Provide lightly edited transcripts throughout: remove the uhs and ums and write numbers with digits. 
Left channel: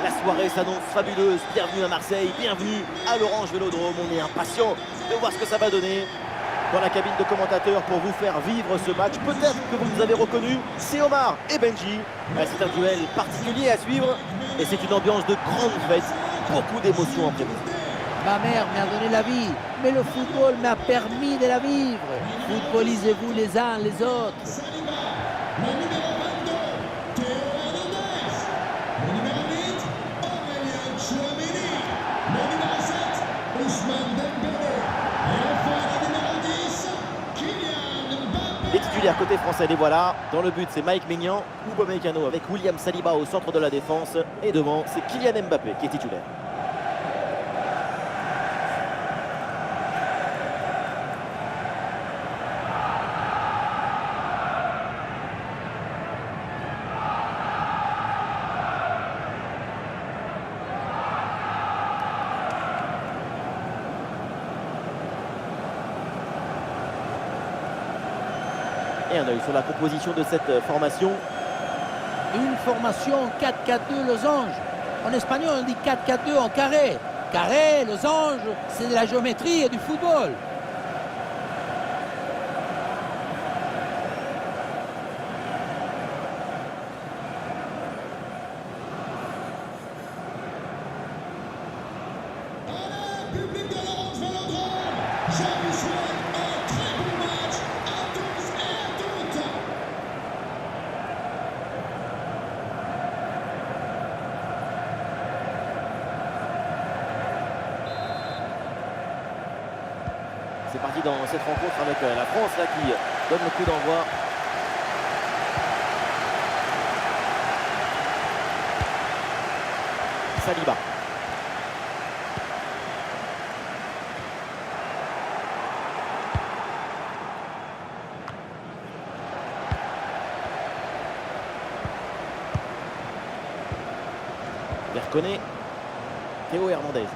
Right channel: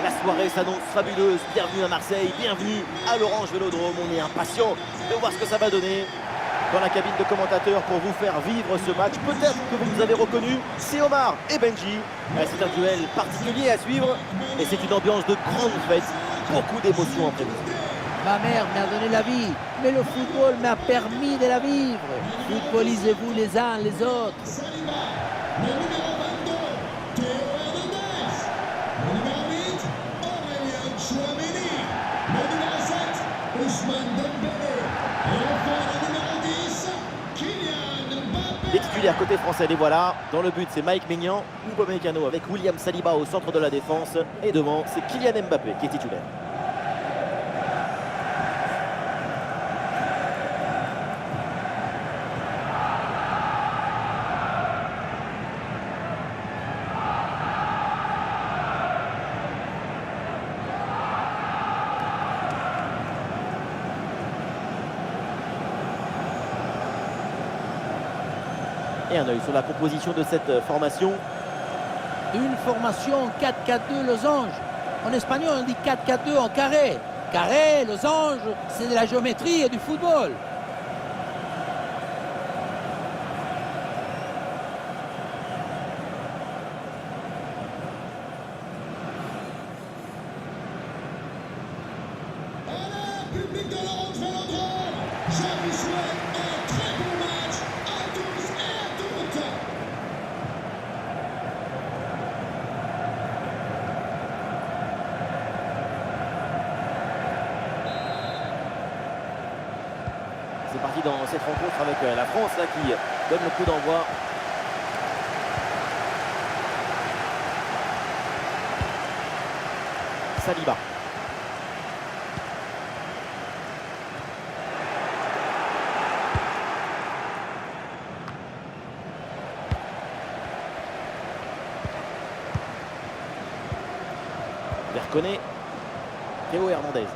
La soirée s'annonce fabuleuse. Bienvenue à Marseille, bienvenue à l'Orange Vélodrome. On est impatient de voir ce que ça va donner dans la cabine de commentateurs pour vous faire vivre ce match. Peut-être que vous nous avez reconnus, c'est Omar et Benji. C'est un duel particulier à suivre et c'est une ambiance de grande fête. Beaucoup d'émotions en prévision. Ma mère m'a donné la vie, mais le football m'a permis de la vivre. Footballisez-vous les uns les autres. Le numéro 22, Théo Hernandez. Le numéro 8, Aurélien Tchouameni. Le numéro 7, Ousmane Dembélé. Et enfin le numéro 10, Kylian Mbappé. Les titulaires côté français, les voilà. Dans le but, c'est Mike Maignan ou Upamecano avec William Saliba au centre de la défense. Et devant, c'est Kylian Mbappé qui est titulaire. Et un œil sur la composition de cette formation. Une formation 4-4-2 losange. En espagnol, on dit 4-4-2 en carré. Carré, losange, c'est de la géométrie et du football. Allez, public de l'Orange Vélodrome, je vous souhaite un très bon match à tous et à toutes. C'est parti dans cette rencontre avec la France là, qui donne le coup d'envoi. Saliba. Verconet. Théo Hernandez.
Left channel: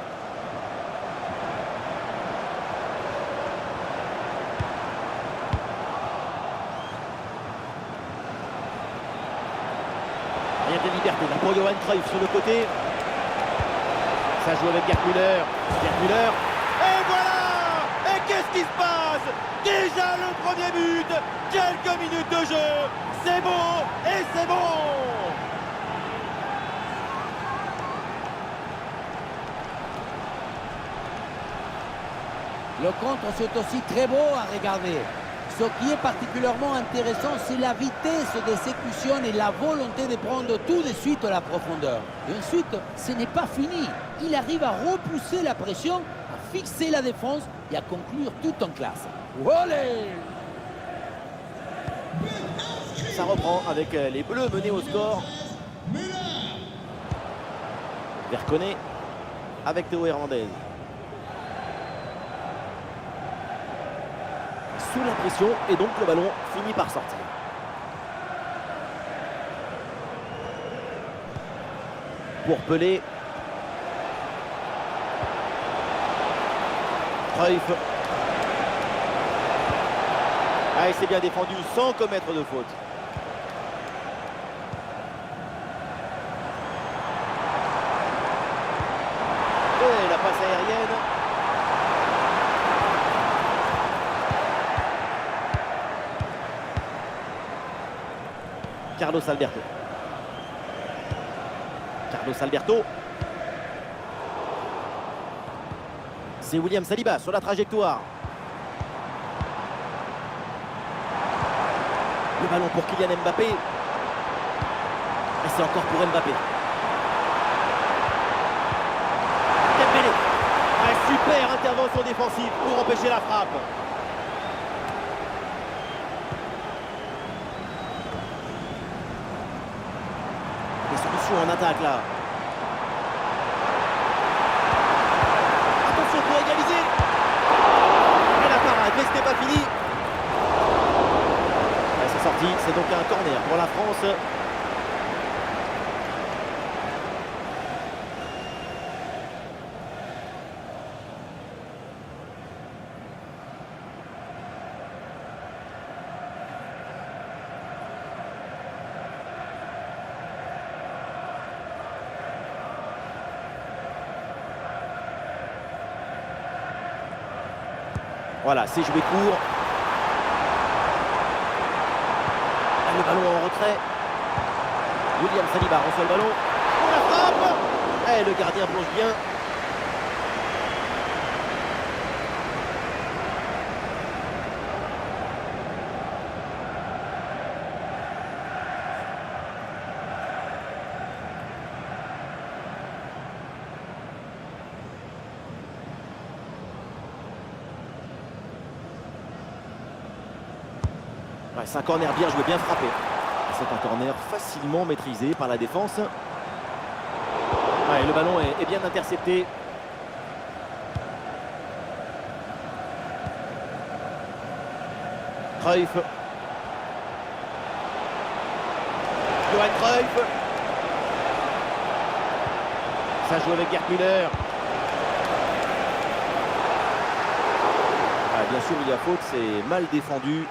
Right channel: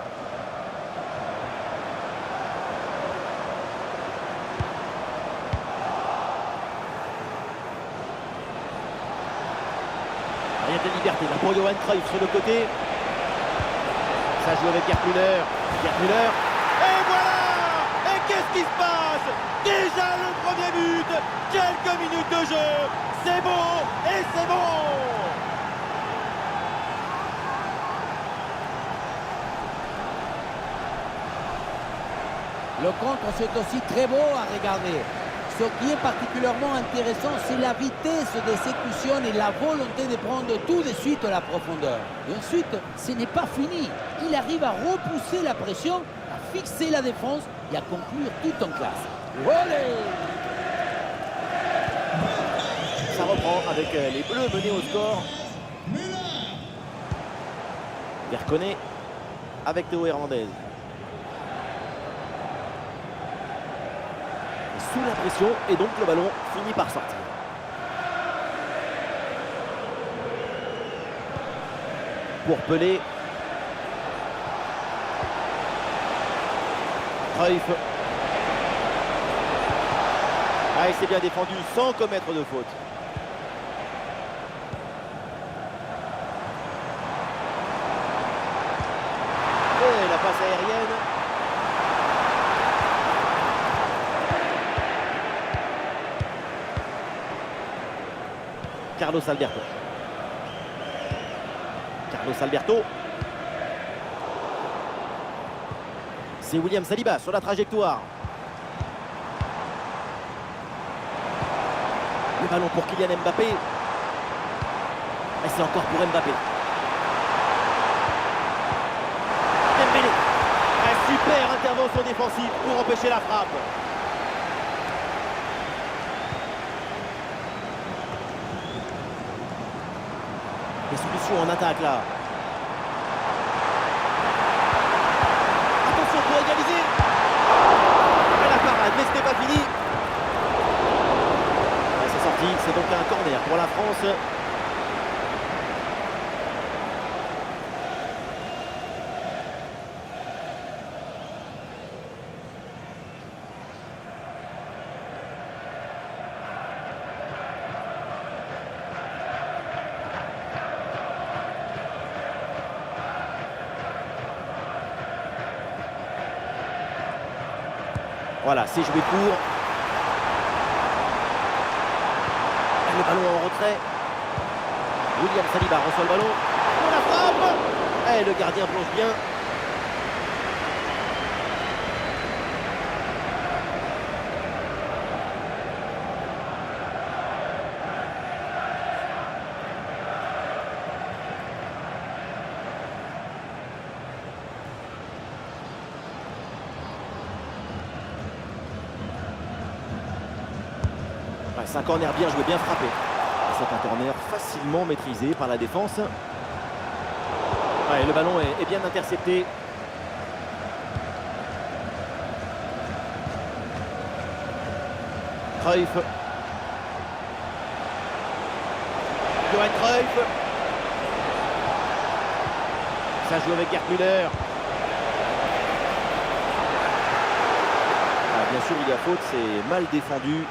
Rien de liberté là pour Johan Cruyff sur le côté. Ça joue avec Gerd Müller. Gerd Müller. Et voilà! Et qu'est-ce qui se passe? Déjà le premier but. Quelques minutes de jeu. C'est bon et c'est bon. Le contre, c'est aussi très beau à regarder. Ce qui est particulièrement intéressant, c'est la vitesse d'exécution et la volonté de prendre tout de suite la profondeur. Et ensuite, ce n'est pas fini. Il arrive à repousser la pression, à fixer la défense et à conclure tout en classe. Olé! Ça reprend avec les Bleus menés au score. Müller. Verconet avec Théo Hernandez. Sous la pression et donc le ballon finit par sortir. Pour Pelé. Cruyff. Ah, il s'est bien défendu sans commettre de faute. Et la passe aérienne. Carlos Alberto. Carlos Alberto. C'est William Saliba sur la trajectoire. Le ballon pour Kylian Mbappé. Et c'est encore pour Mbappé. Dembélé. Un super intervention défensive pour empêcher la frappe. Des solutions en attaque là. Attention pour égaliser. Et la parade, mais ce n'est pas fini. C'est sorti, c'est donc un corner pour la France. Voilà, c'est joué court. Le ballon en retrait. William Saliba reçoit le ballon. Pour la frappe. Et le gardien plonge bien. Ouais, c'est un corner bien joué, bien frappé. C'est un corner facilement maîtrisé par la défense. Ouais, le ballon est bien intercepté. Cruyff. Johan Cruyff. Ça joue avec Gerd Müller. Ah, bien sûr, il y a faute, c'est mal défendu.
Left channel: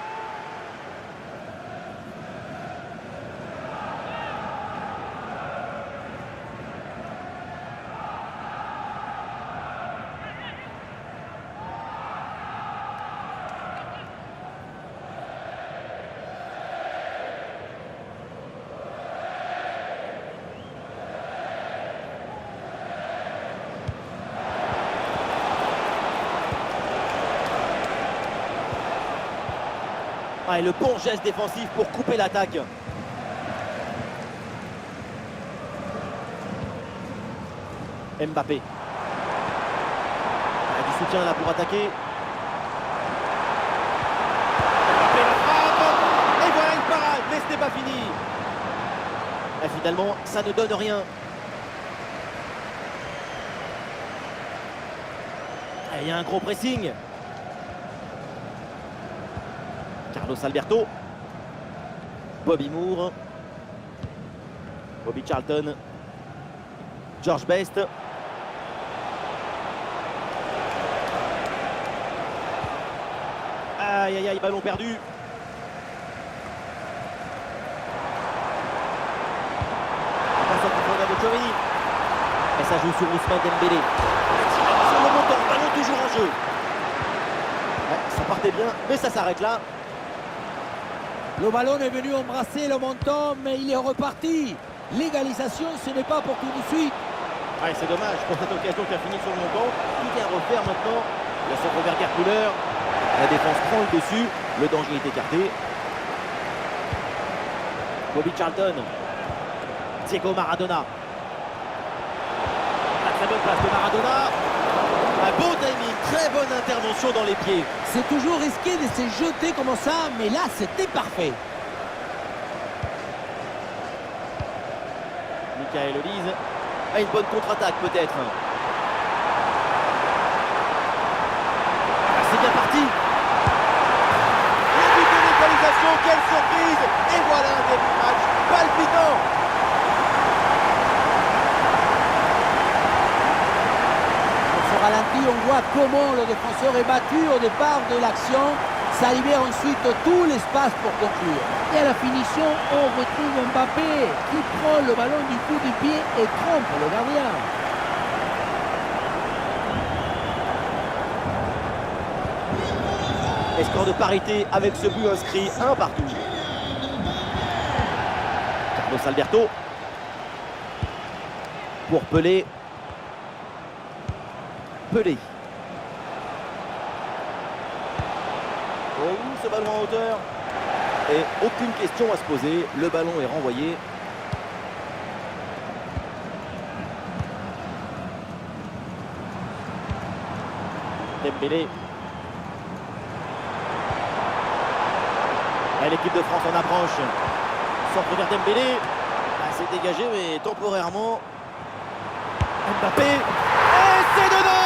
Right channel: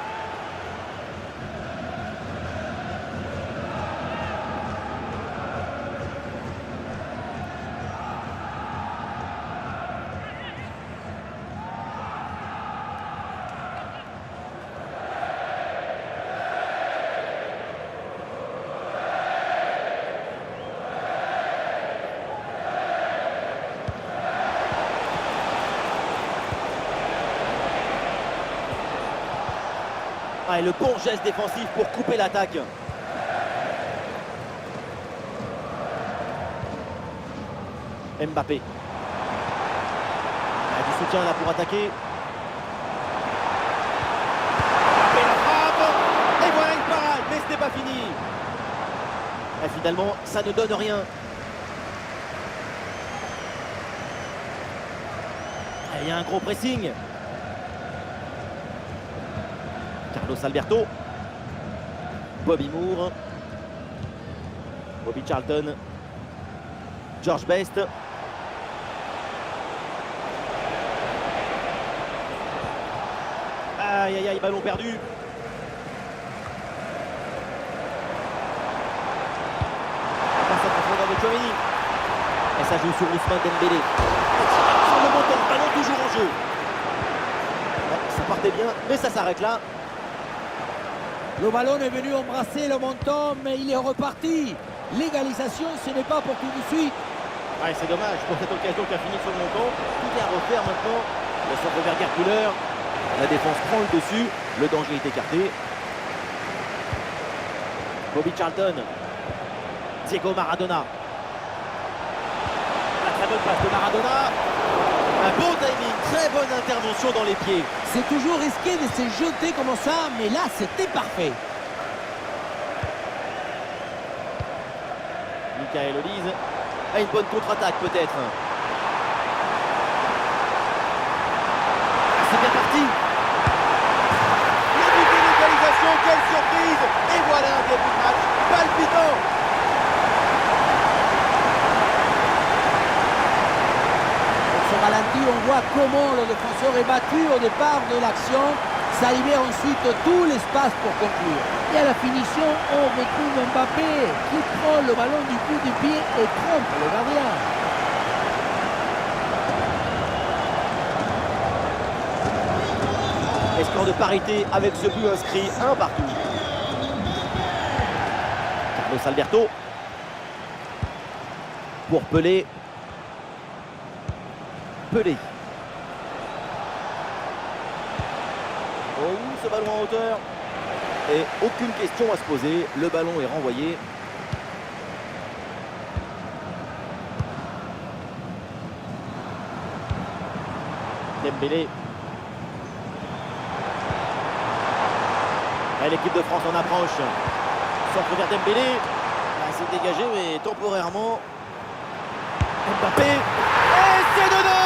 Ah, et le bon geste défensif pour couper l'attaque. Mbappé. Ah, du soutien là pour attaquer. Mbappé la frappe. Et voilà une parade, mais ce n'est pas fini. Et finalement, ça ne donne rien. Et il y a un gros pressing. Carlos Alberto, Bobby Moore, Bobby Charlton, George Best. Aïe aïe aïe, ballon perdu. On passe en profondeur de Tchouaméni. Et ça joue sur Ousmane Dembélé. Sur le montant, ballon toujours en jeu. Ouais, ça partait bien, mais ça s'arrête là. Le ballon est venu embrasser le menton, mais il est reparti. L'égalisation, ce n'est pas pour tout de suite. Ouais, c'est dommage pour cette occasion qui a fini sur le montant. Tout est à refaire maintenant. Le centre vers Gerd Müller. La défense prend le dessus. Le danger est écarté. Bobby Charlton. Diego Maradona. La très bonne passe de Maradona. Un bon timing, très bonne intervention dans les pieds. C'est toujours risqué de se jeter comme ça, mais là, c'était parfait. Michael Olise a une bonne contre-attaque peut-être. Ah, c'est bien parti. Le but de l'égalisation, quelle surprise. Et voilà un début de match palpitant. Au ralenti, on voit comment le défenseur est battu au départ de l'action. Ça libère ensuite tout l'espace pour conclure. Et à la finition, on retrouve Mbappé qui prend le ballon du coup du pied et trompe le gardien. Et score de parité avec ce but inscrit, un partout. Carlos Alberto. Pour Pelé. Pelé. Oh, ce ballon en hauteur. Et aucune question à se poser. Le ballon est renvoyé. Dembélé. Et l'équipe de France en approche. Centre vers Dembélé. Là, c'est dégagé, mais temporairement. Mbappé. Et c'est dedans.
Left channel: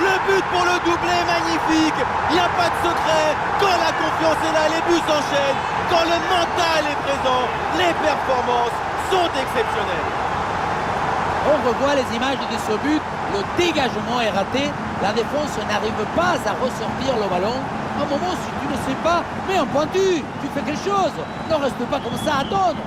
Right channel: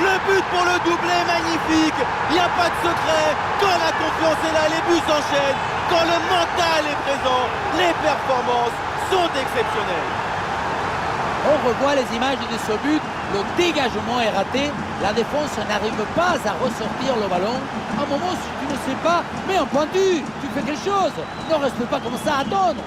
Le but pour le doublé, magnifique. Il n'y a pas de secret. Quand la confiance est là, les buts s'enchaînent. Quand le mental est présent, les performances sont exceptionnelles. On revoit les images de ce but. Le dégagement est raté. La défense n'arrive pas à ressortir le ballon. À un moment, si tu ne sais pas, mets un pointu. Tu fais quelque chose. Ne reste pas comme ça à attendre.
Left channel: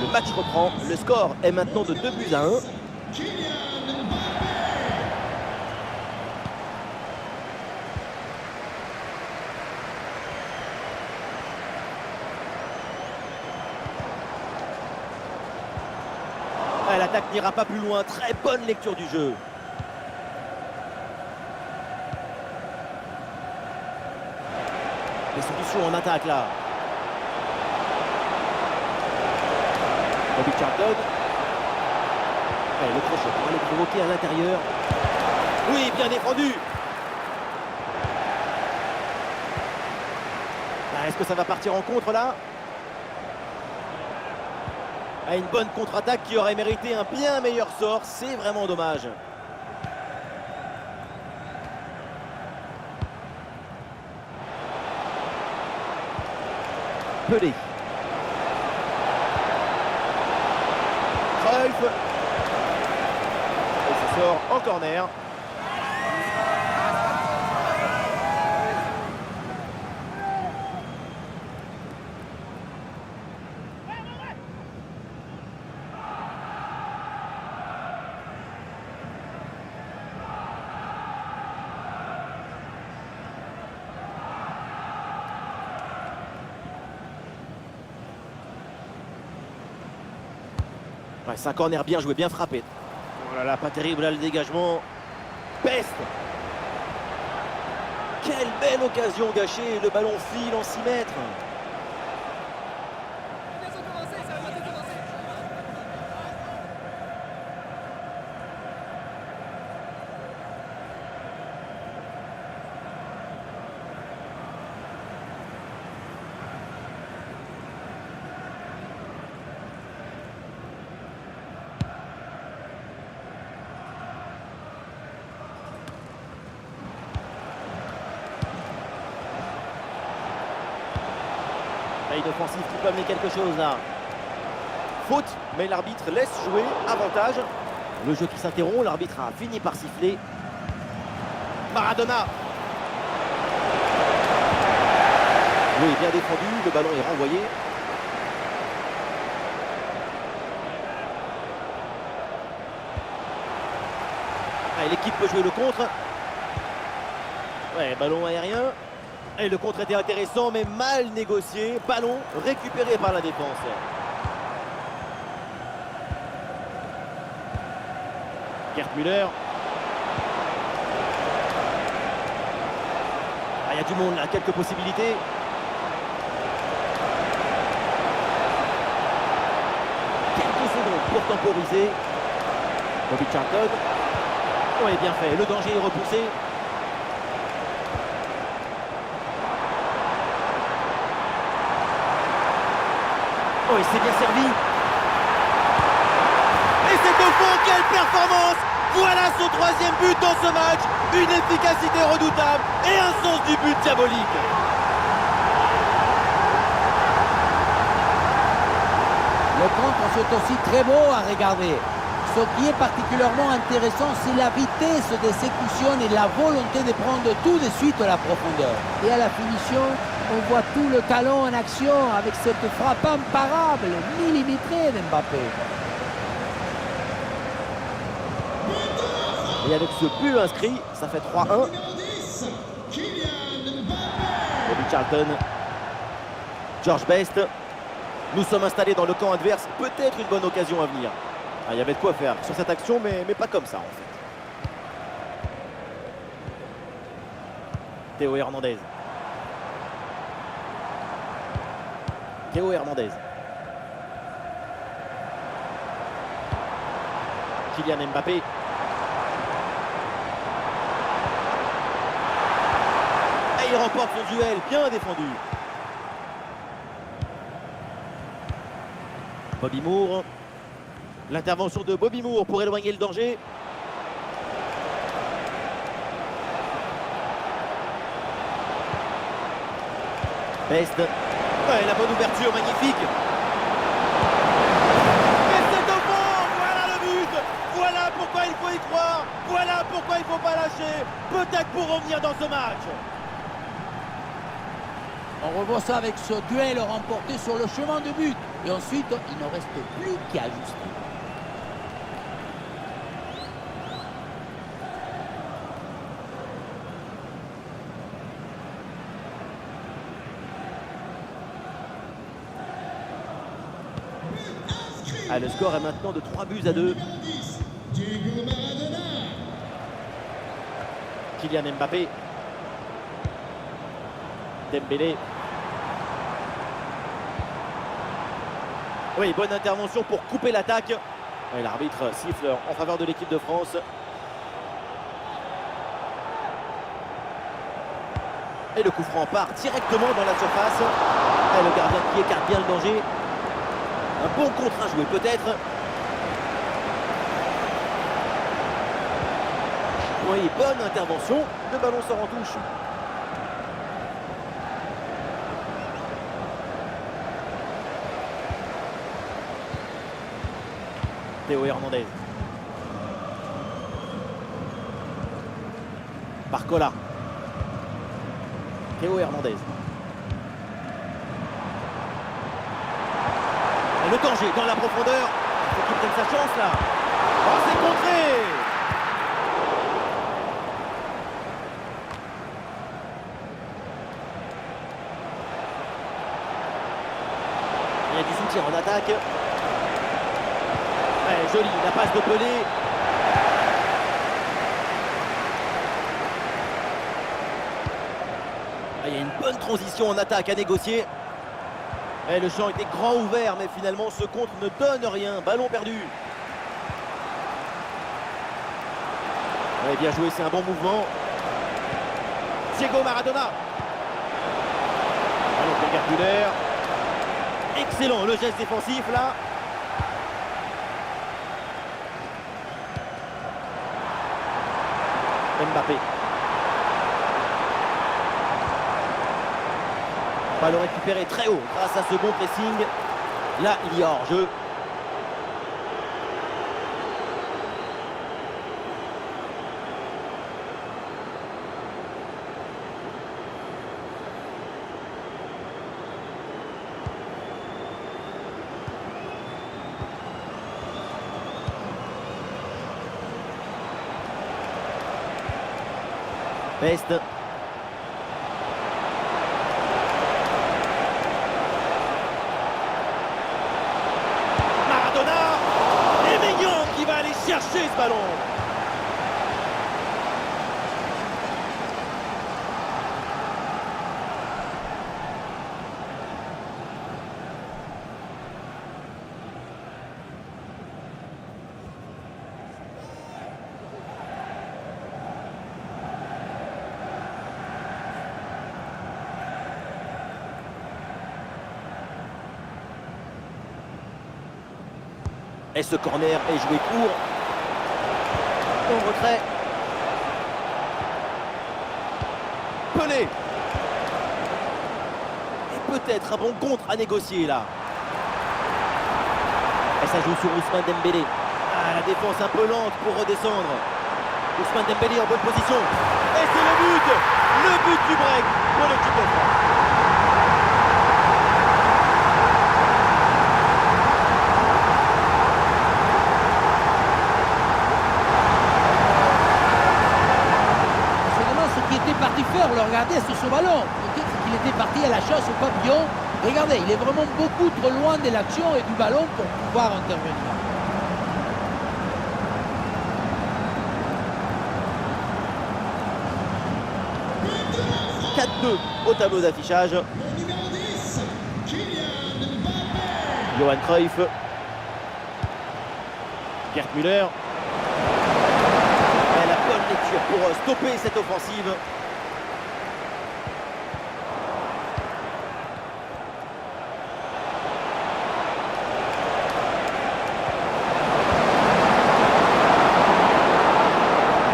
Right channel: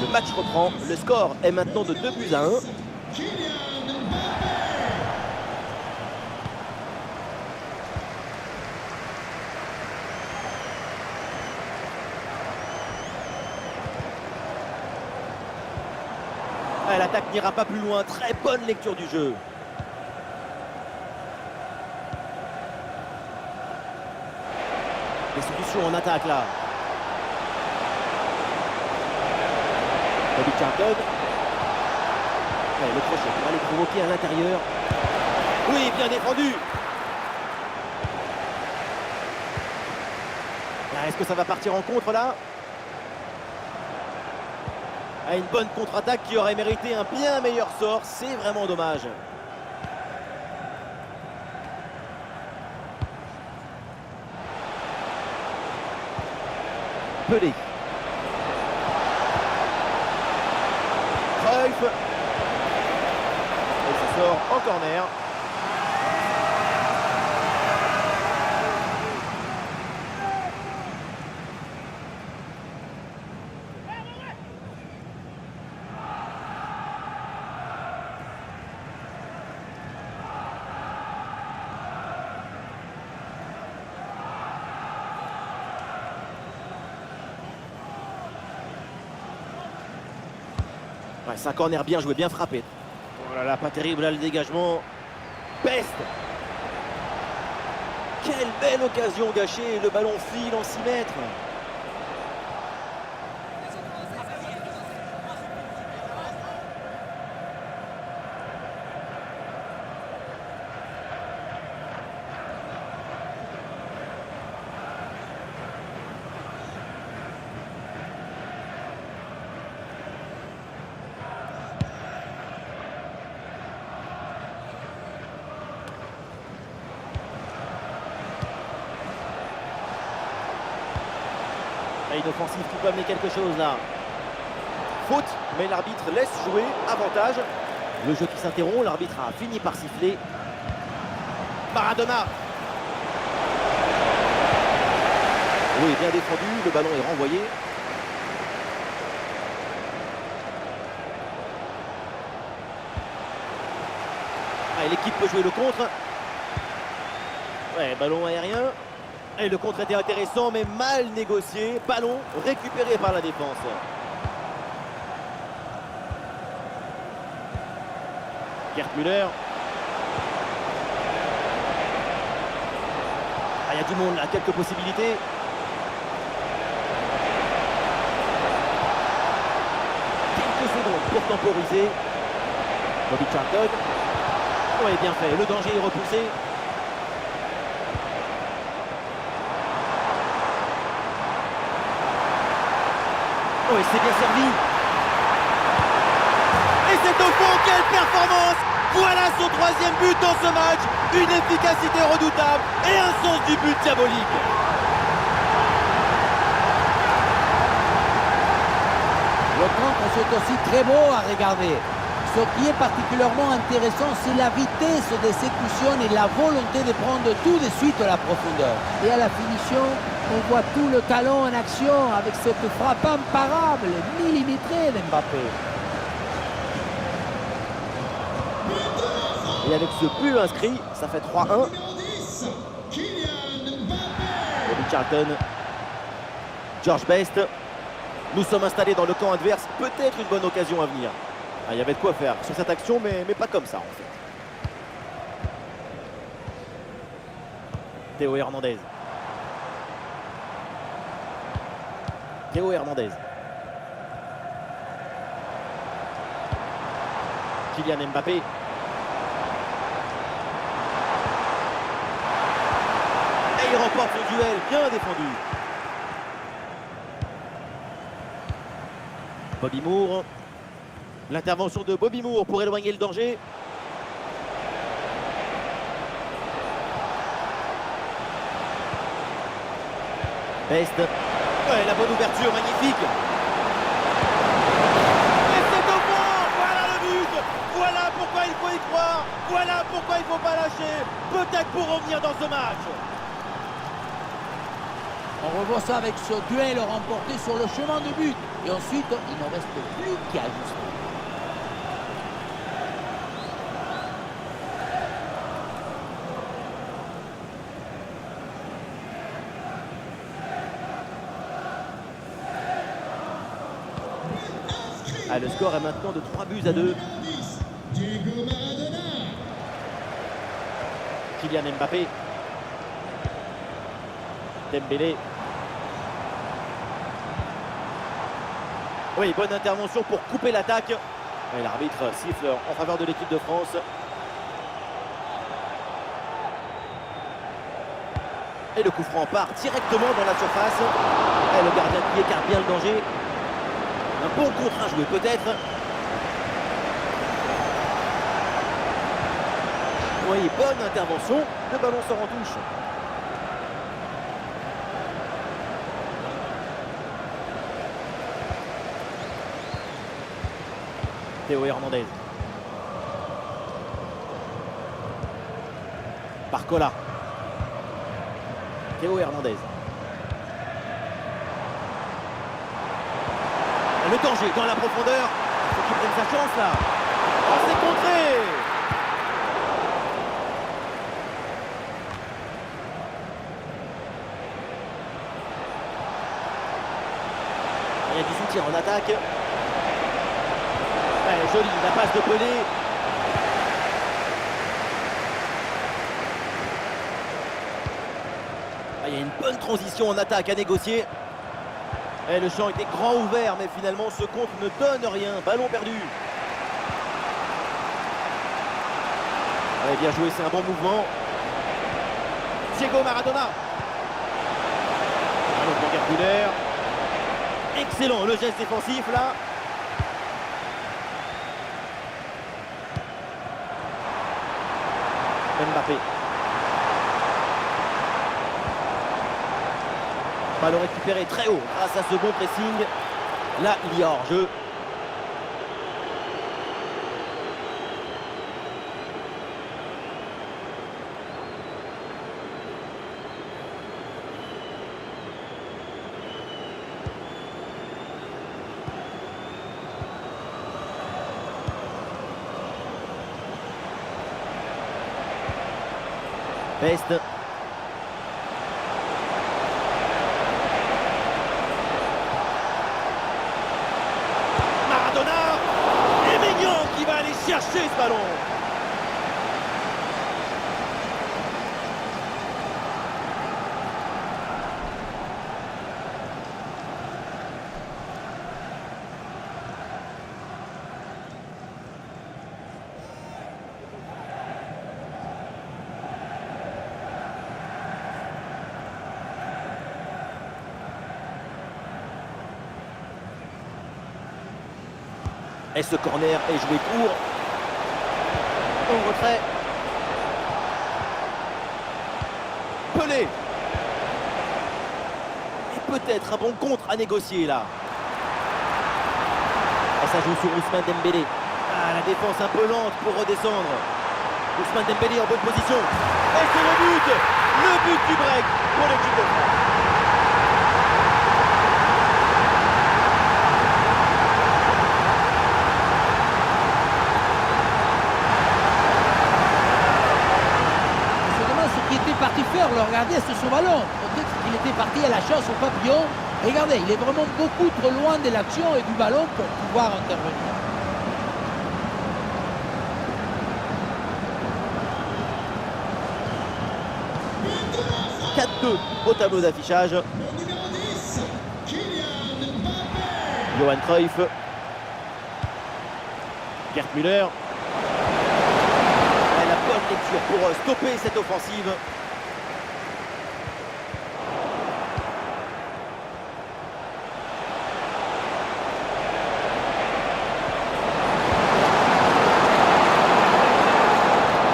Le match reprend. Le score est maintenant de 2-1. Kylian Mbappé. L'attaque n'ira pas plus loin. Très bonne lecture du jeu. Les solutions en attaque là. Bobby Charlton. Le crochet pour aller provoquer à l'intérieur. Oui, bien défendu. Est-ce que ça va partir en contre là? Une bonne contre-attaque qui aurait mérité un bien meilleur sort. C'est vraiment dommage. Pelé. Cruyff. Et ça sort en corner. Ouais, c'est un corner bien joué, bien frappé. Oh là là, pas terrible là le dégagement. Peste. Quelle belle occasion gâchée. Le ballon file en 6 mètres. Une offensive qui peut amener quelque chose là. Faute, mais l'arbitre laisse jouer. Avantage. Le jeu qui s'interrompt, l'arbitre a fini par siffler. Maradona. Oui, bien défendu, le ballon est renvoyé. L'équipe peut jouer le contre. Ouais, ballon aérien. Et le contre était intéressant, mais mal négocié. Ballon récupéré par la défense. Gerd Müller. Il y a du monde là, quelques possibilités. Quelques secondes pour temporiser. Bobby Charlton. Oui, bien fait. Le danger est repoussé. Oh, et c'est bien servi. Et c'est au fond, quelle performance! Voilà son 3e but dans ce match. Une efficacité redoutable et un sens du but diabolique. Le contre, c'est aussi très beau à regarder. Ce qui est particulièrement intéressant, c'est la vitesse d'exécution et la volonté de prendre tout de suite la profondeur. Et à la finition, on voit tout le talent en action avec cette frappe imparable, millimétrée d'Mbappé. Et avec ce but inscrit, ça fait 3-1. Numéro 10, Kylian Mbappé. Bobby Charlton. George Best. Nous sommes installés dans le camp adverse. Peut-être une bonne occasion à venir. Il y avait de quoi faire sur cette action, mais pas comme ça en fait. Théo Hernandez. Théo Hernandez. Kylian Mbappé. Et il remporte son duel, bien défendu. Bobby Moore. L'intervention de Bobby Moore pour éloigner le danger. Best. Ouais, la bonne ouverture, magnifique. Et c'est au fond. Voilà le but. Voilà pourquoi il faut y croire. Voilà pourquoi il ne faut pas lâcher. Peut-être pour revenir dans ce match. On revoit ça avec ce duel remporté sur le chemin de but. Et ensuite, il ne reste plus qu'à ajuster. Ah, le score est maintenant de 3 buts à 2. Numéro 10, Diego Maradona. Kylian Mbappé. Dembélé. Oui, bonne intervention pour couper l'attaque. Et l'arbitre siffle en faveur de l'équipe de France. Et le coup franc part directement dans la surface. Et le gardien qui écarte bien le danger. Un bon contre à jouer peut-être. Oui, bonne intervention. Le ballon sort en touche. Théo Hernandez. Barcola. Théo Hernandez. Et le danger dans la profondeur. Il faut qu'il prenne sa chance là. Oh, c'est contré. Il y a du soutien en attaque. Ouais, joli, la passe de Pelé. Ah, il y a une bonne transition en attaque à négocier. Et le champ était grand ouvert, mais finalement ce contre ne donne rien. Ballon perdu. Ouais, bien joué, c'est un bon mouvement. Diego Maradona. Ballon pour Gertruder. Excellent le geste défensif là. Mbappé. Ballon récupéré très haut grâce à ce bon pressing. Là, il y a hors-jeu. Best. Maradona. Et Maignan qui va aller chercher ce ballon. Et ce corner est joué court. Au retrait. Pelé. Et peut-être un bon contre à négocier là. Et ça joue sur Ousmane Dembélé. Ah, la défense un peu lente pour redescendre. Ousmane Dembélé en bonne position. Et c'est le but. Le but du break pour l'équipe de France. Ce qui était parti faire, le regarder sur ce ballon. Peut-être qu'il était parti à la chasse au papillon. Regardez, il est vraiment beaucoup trop loin de l'action et du ballon pour pouvoir intervenir. But de la France. 4-2 au tableau d'affichage. Le numéro 10, Kylian Mbappé. Johan Cruyff. Gerd Müller. Et la bonne lecture pour stopper cette offensive.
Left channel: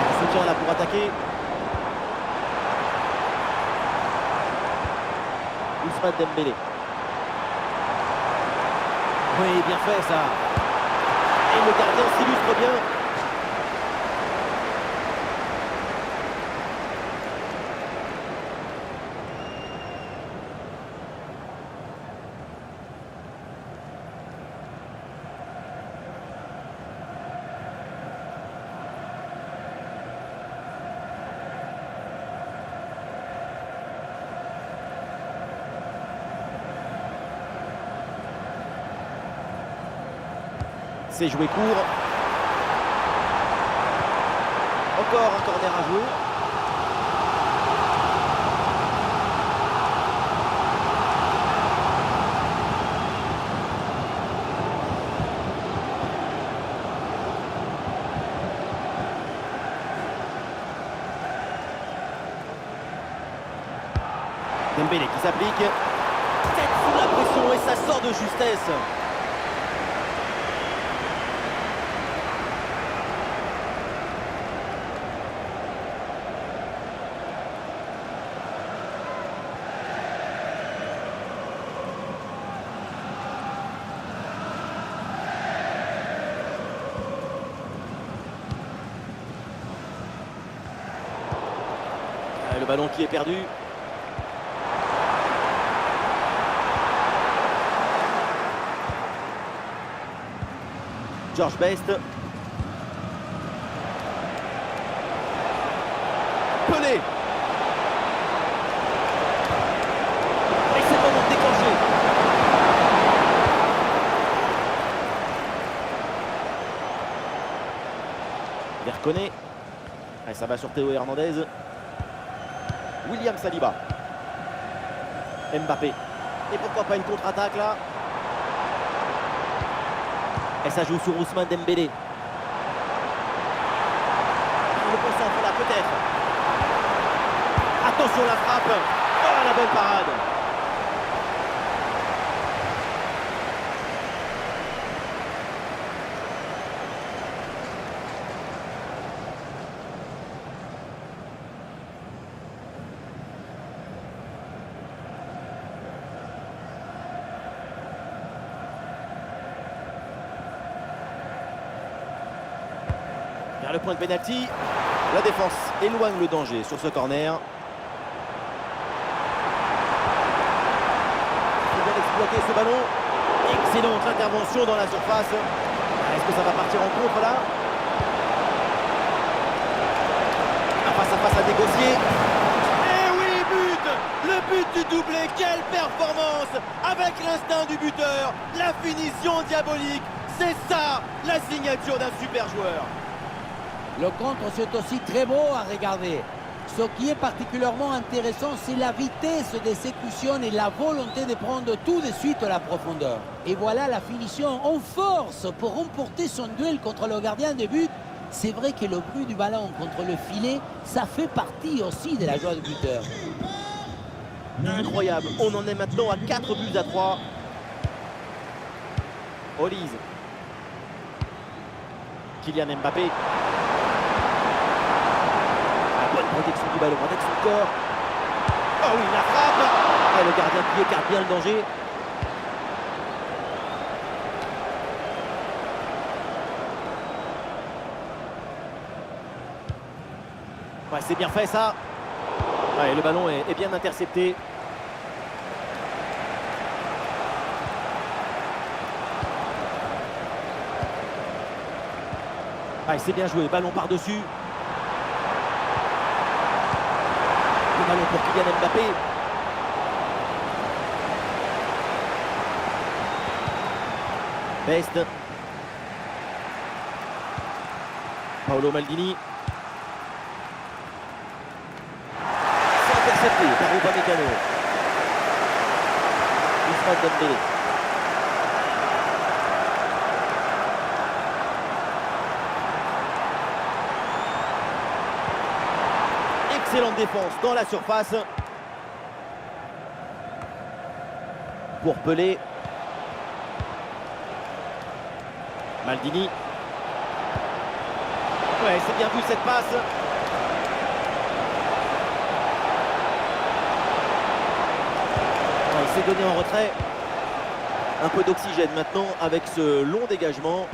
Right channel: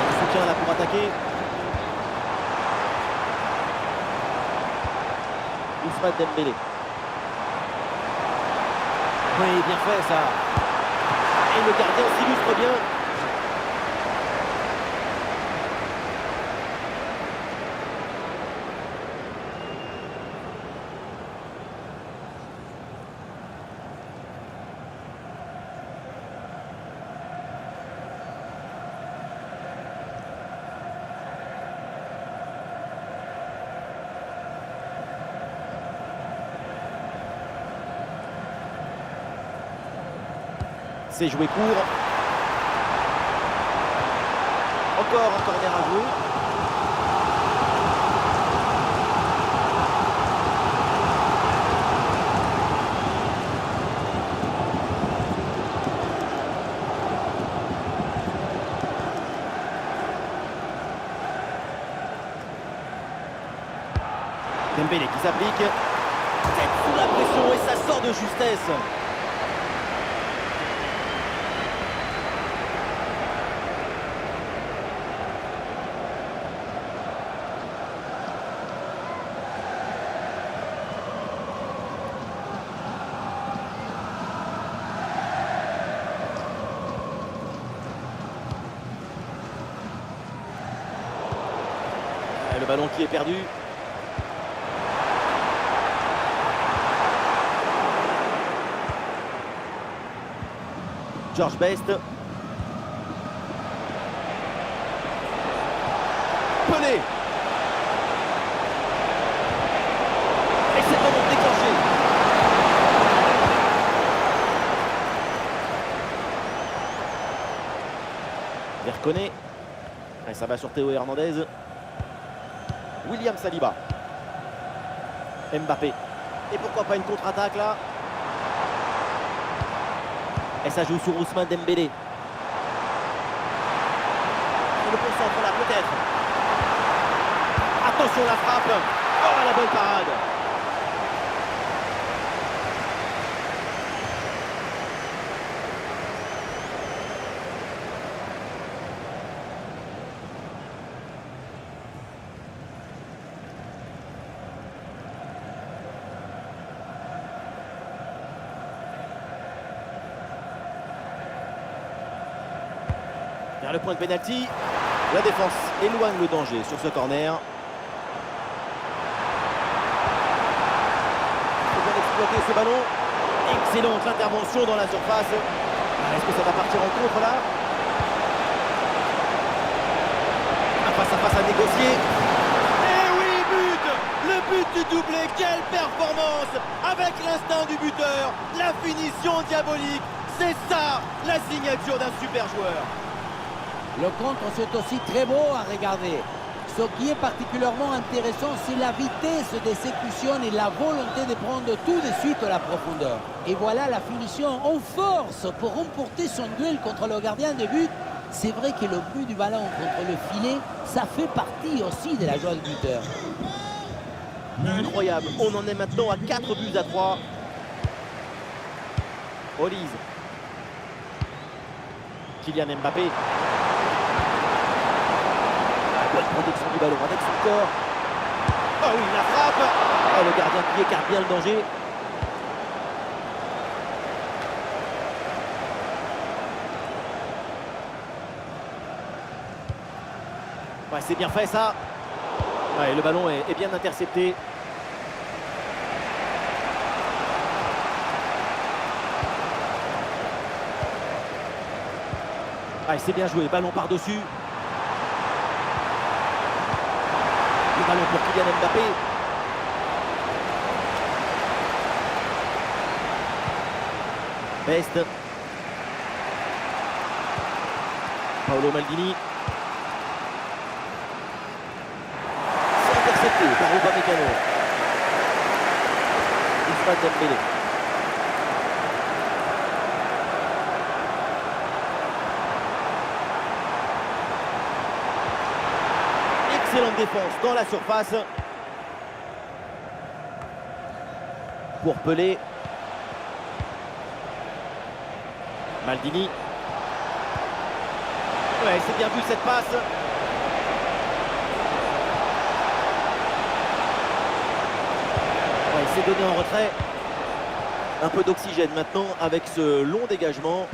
Du soutien là pour attaquer. Ousmane Dembélé. Oui, bien fait ça. Et le gardien s'illustre bien. C'est joué court. Encore un corner à jouer. Dembélé qui s'applique. Tête sous la pression et ça sort de justesse. Le ballon qui est perdu. George Best. Pelé. Et c'est le moment de déclencher. Verconé. Et ça va sur Théo Hernandez. William Saliba. Mbappé. Et pourquoi pas une contre-attaque là? Et ça joue sur Ousmane Dembélé. Le bon centre là peut-être. Attention la frappe. Oh la bonne parade. Vers le point de pénalty, la défense éloigne le danger sur ce corner. Il faut bien exploiter ce ballon. Excellente intervention dans la surface. Est-ce que ça va partir en contre là? Un face à face à négocier. Et oui, but! Le but du doublé, quelle performance! Avec l'instinct du buteur, la finition diabolique. C'est ça, la signature d'un super joueur. Le contre, c'est aussi très beau à regarder. Ce qui est particulièrement intéressant, c'est la vitesse d'exécution et la volonté de prendre tout de suite la profondeur. Et voilà la finition en force pour remporter son duel contre le gardien de but. C'est vrai que le bruit du ballon contre le filet, ça fait partie aussi de la joie du buteur. Incroyable, on en est maintenant à 4 buts à 3. Olise. Kylian Mbappé. Bonne protection du ballon avec son corps. Oh oui, la frappe. Et le gardien qui écarte bien le danger. Ouais, c'est bien fait ça. Ouais, le ballon est bien intercepté. Ouais, c'est bien joué, ballon par-dessus. Le ballon pour Kylian Mbappé. Best. Paolo Maldini. C'est intercepté par Upamecano. Ousmane Dembélé. Excellente défense dans la surface. Pour Pelé. Maldini. Ouais, c'est bien vu cette passe. Ouais, il s'est donné en retrait. Un peu d'oxygène maintenant avec ce long dégagement.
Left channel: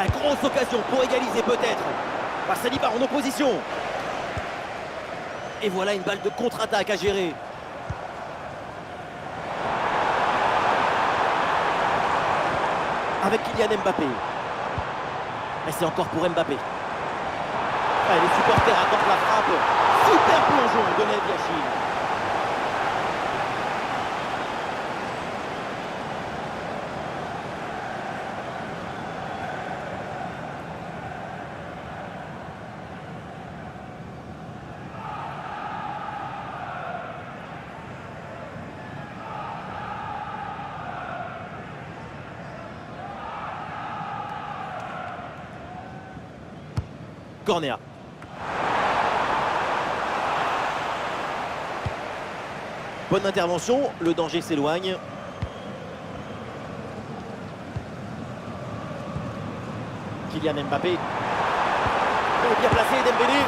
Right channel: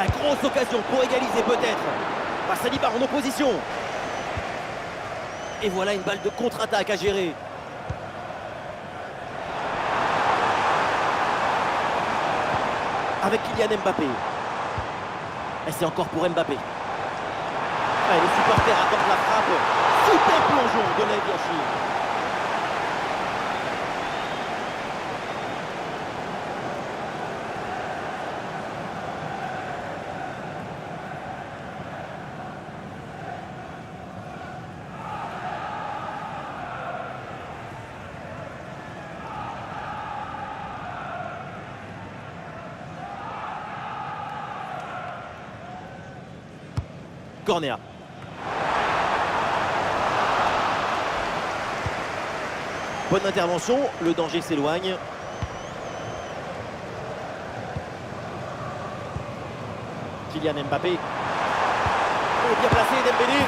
Ah, grosse occasion pour égaliser peut-être. Saliba en opposition. Et voilà une balle de contre-attaque à gérer. Avec Kylian Mbappé. Et c'est encore pour Mbappé. Ah, les supporters attendent la frappe. Super plongeon de Lev Yachine. Corner. Bonne intervention, le danger s'éloigne. Kylian Mbappé. Oh, bien placé Dembélé.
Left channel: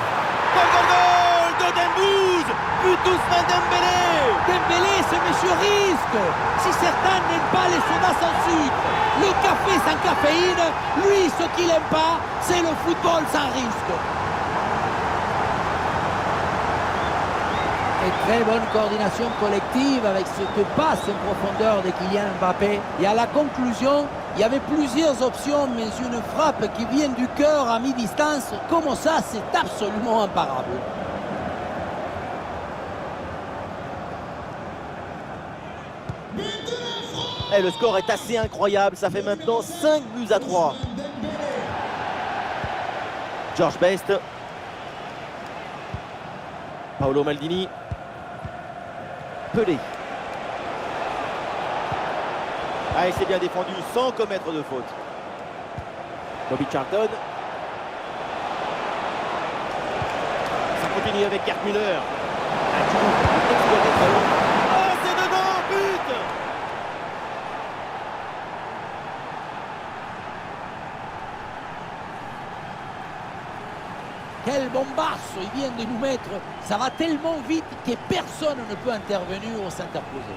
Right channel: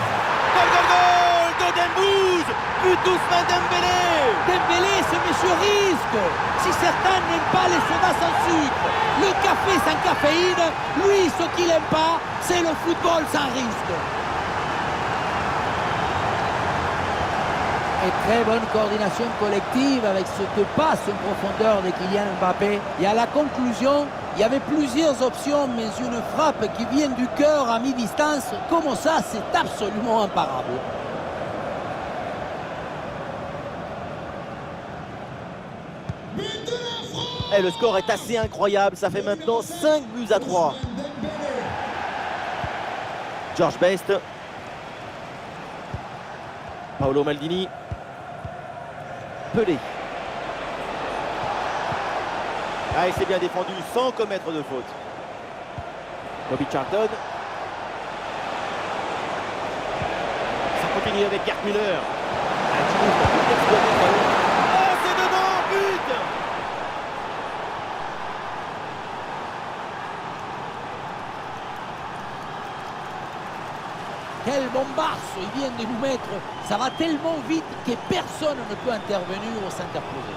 Goal, goal, goal de Dembouz. But d'Ousmane Dembélé. Dembélé, ce monsieur risque. Si certains n'aiment pas les sodas sans sucre, le café sans caféine, lui, ce qu'il n'aime pas, c'est le football sans risque. Et très bonne coordination collective avec cette passe en profondeur de Kylian Mbappé. Et à la conclusion, il y avait plusieurs options, mais une frappe qui vient du cœur à mi-distance, comme ça, c'est absolument imparable. But de la France. Et le score est assez incroyable, ça fait maintenant 5 buts à 3. Ousmane Dembélé. George Best. Paolo Maldini. Pelé. Ah, et c'est bien défendu sans commettre de faute. Bobby Charlton. Ça continue avec Gerd Müller. Un Giroud pour exploiter le ballon. Oh, c'est dedans, but! Quel bombasso il vient de nous mettre. Ça va tellement vite que personne ne peut intervenir ou s'interposer.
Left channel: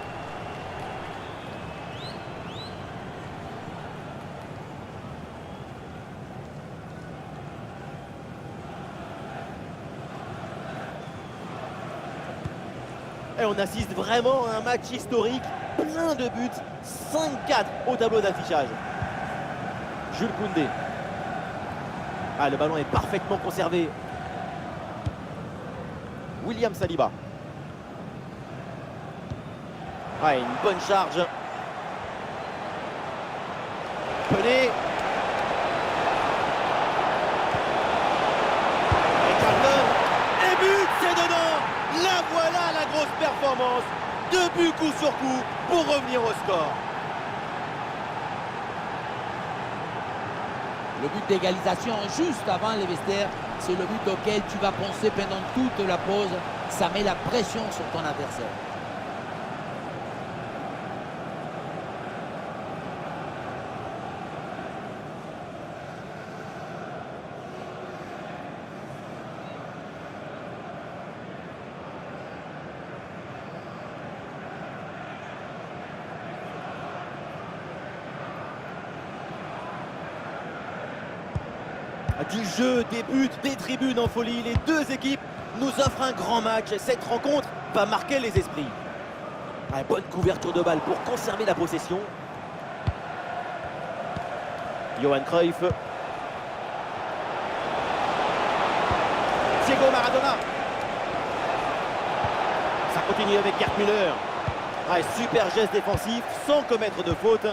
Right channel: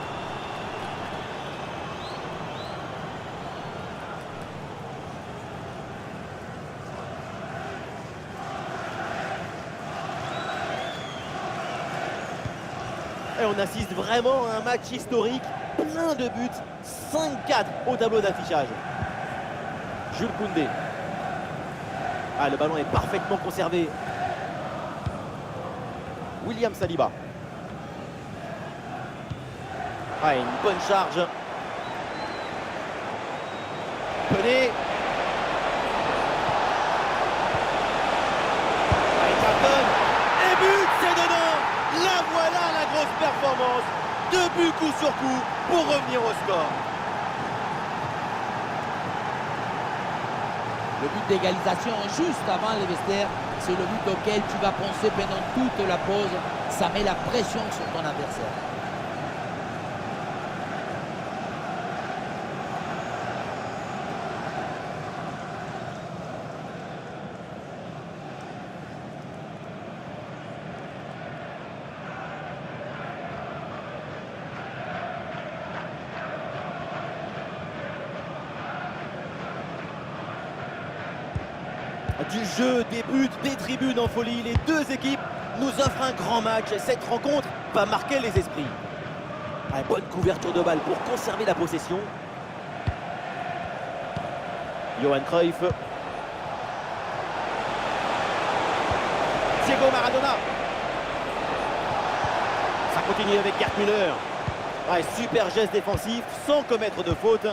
Et on assiste vraiment à un match historique, plein de buts, 5-4 au tableau d'affichage. Jules Koundé. Ah, le ballon est parfaitement conservé. William Saliba. Ah, une bonne charge. Pelé. Et Charlton. Et but, c'est dedans. La voilà la grosse performance. 2 buts coup sur coup pour revenir au score. Le but d'égalisation juste avant les vestiaires, c'est le but auquel tu vas penser pendant toute la pause. Ça met la pression sur ton adversaire. Du jeu, des buts, des tribunes en folie, les deux équipes nous offrent un grand match. Cette rencontre va marquer les esprits. Ah, bonne couverture de balle pour conserver la possession. Johan Cruyff. Diego Maradona. Ça continue avec Gerd Müller. Ah, super geste défensif sans commettre de faute.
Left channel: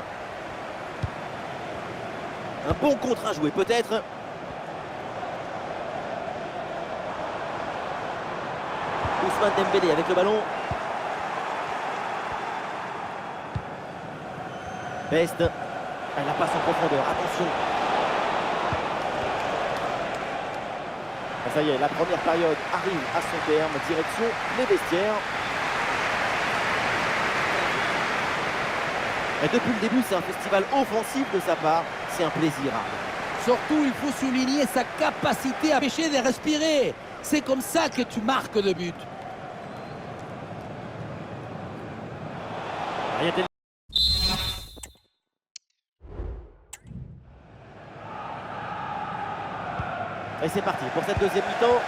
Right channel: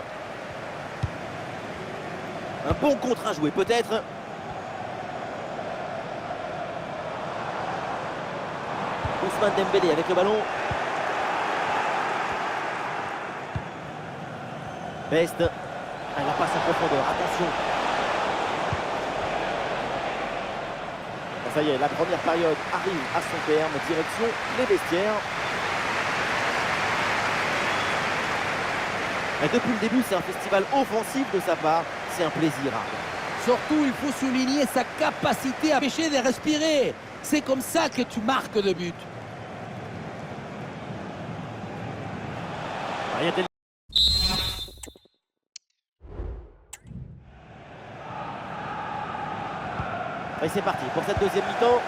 Un bon contre à jouer peut-être. Ousmane Dembélé avec le ballon. Best. Elle la passe en profondeur. Attention. Ça y est, la première période arrive à son terme. Direction les vestiaires. Et depuis le début, c'est un festival offensif de sa part. C'est un plaisir. Surtout, il faut souligner sa capacité à empêcher de respirer. C'est comme ça que tu marques le but. Et c'est parti pour cette deuxième mi-temps.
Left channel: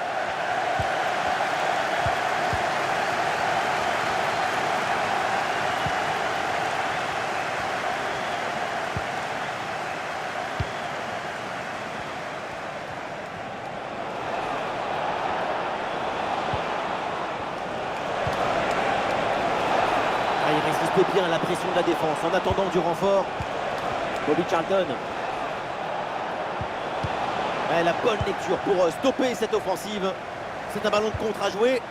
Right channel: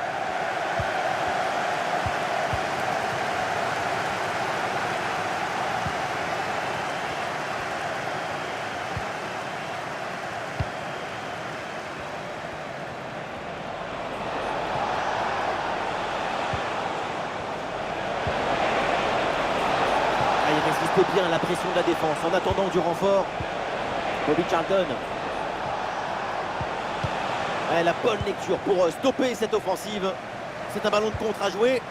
résistez bien à la pression de la défense en attendant du renfort. Bobby Charlton. Ouais, la bonne lecture pour stopper cette offensive. C'est un ballon de contre à jouer.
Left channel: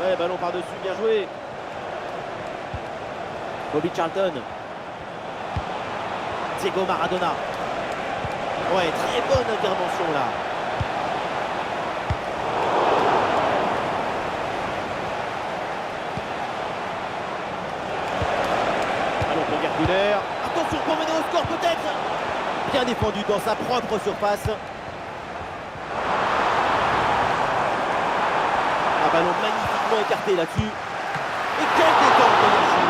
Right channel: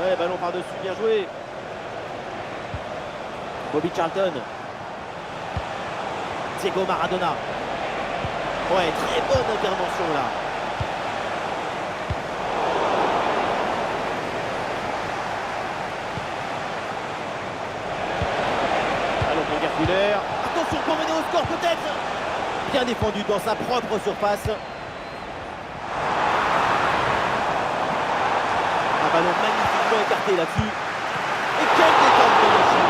Ouais, ballon par-dessus, bien joué. Bobby Charlton. Diego Maradona. Ouais, très bonne intervention là. Ballon pour Gerpuler. Attention pour mener au score peut-être. Bien défendu dans sa propre surface. Un ballon magnifiquement écarté là-dessus. Et quelle détente de Yashi.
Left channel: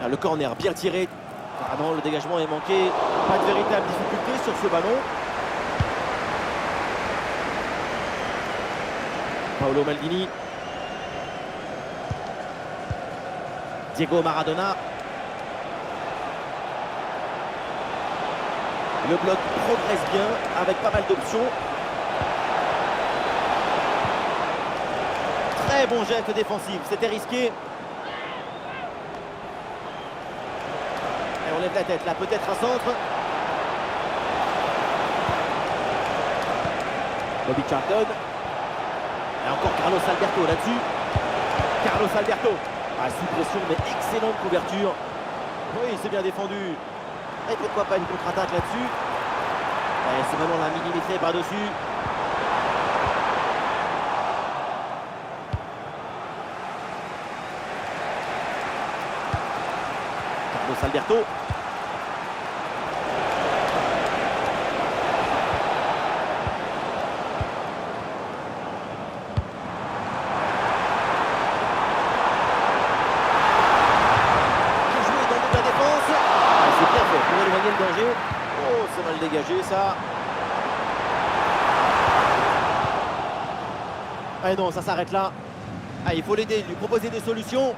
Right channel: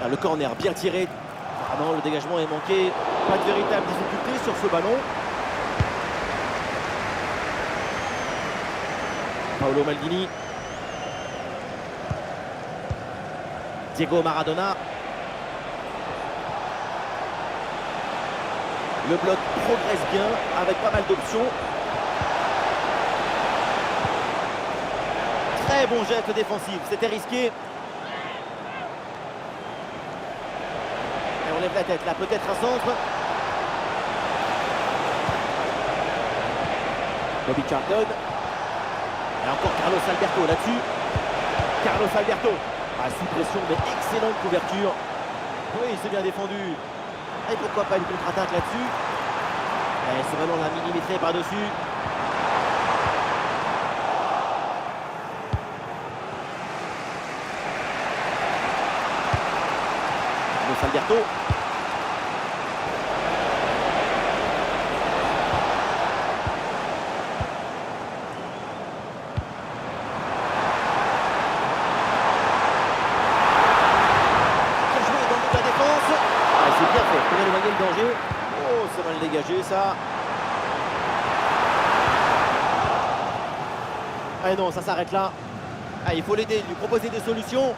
Là, le corner bien tiré. Ah non, le dégagement est manqué. Pas de véritable difficulté sur ce ballon. Paolo Maldini. Diego Maradona. Le bloc progresse bien avec pas mal d'options. Très bon geste défensif. C'était risqué. Et on lève la tête là, peut-être un centre. Bobby Charlton. Et encore Carlos Alberto là-dessus. Carlos Alberto. Ah, sous pression, mais excellente couverture. Oui, c'est bien défendu. Et pourquoi pas une contre-attaque là-dessus. Et ce ballon l'a millimétré par-dessus. Carlos Alberto. C'est bien fait pour éloigner le danger. Oh, c'est mal dégagé ça. Ah non, ça s'arrête là. Ah, il faut l'aider, lui proposer des solutions.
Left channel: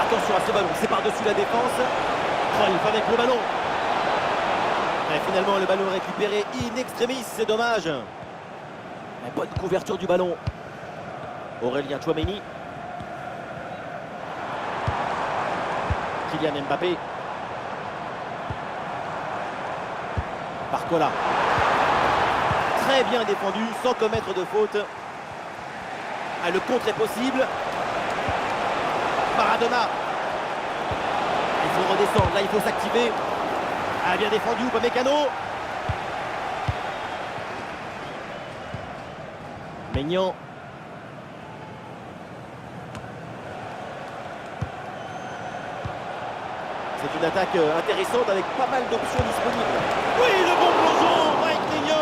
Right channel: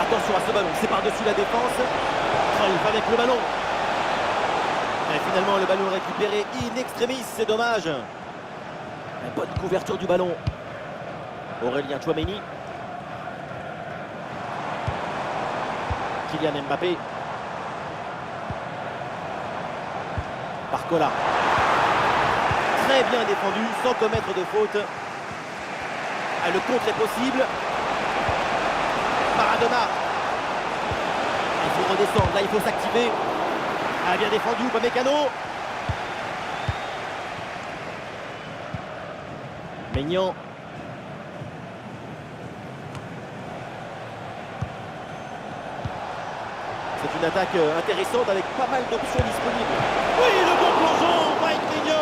Attention à ce ballon, c'est par-dessus la défense. Oh, il va avec le ballon. Et finalement, le ballon récupéré in extremis, c'est dommage. Mais bonne couverture du ballon. Aurélien Tchouaméni. Kylian Mbappé. Barcola. Très bien défendu, sans commettre de faute. Ah, le contre est possible. Maradona. Il faut redescendre, là il faut s'activer. Ah, bien défendu, Upamecano. Maignan. C'est une attaque intéressante avec pas mal d'options disponibles. Oui, le bon plongeon, Mike Maignan.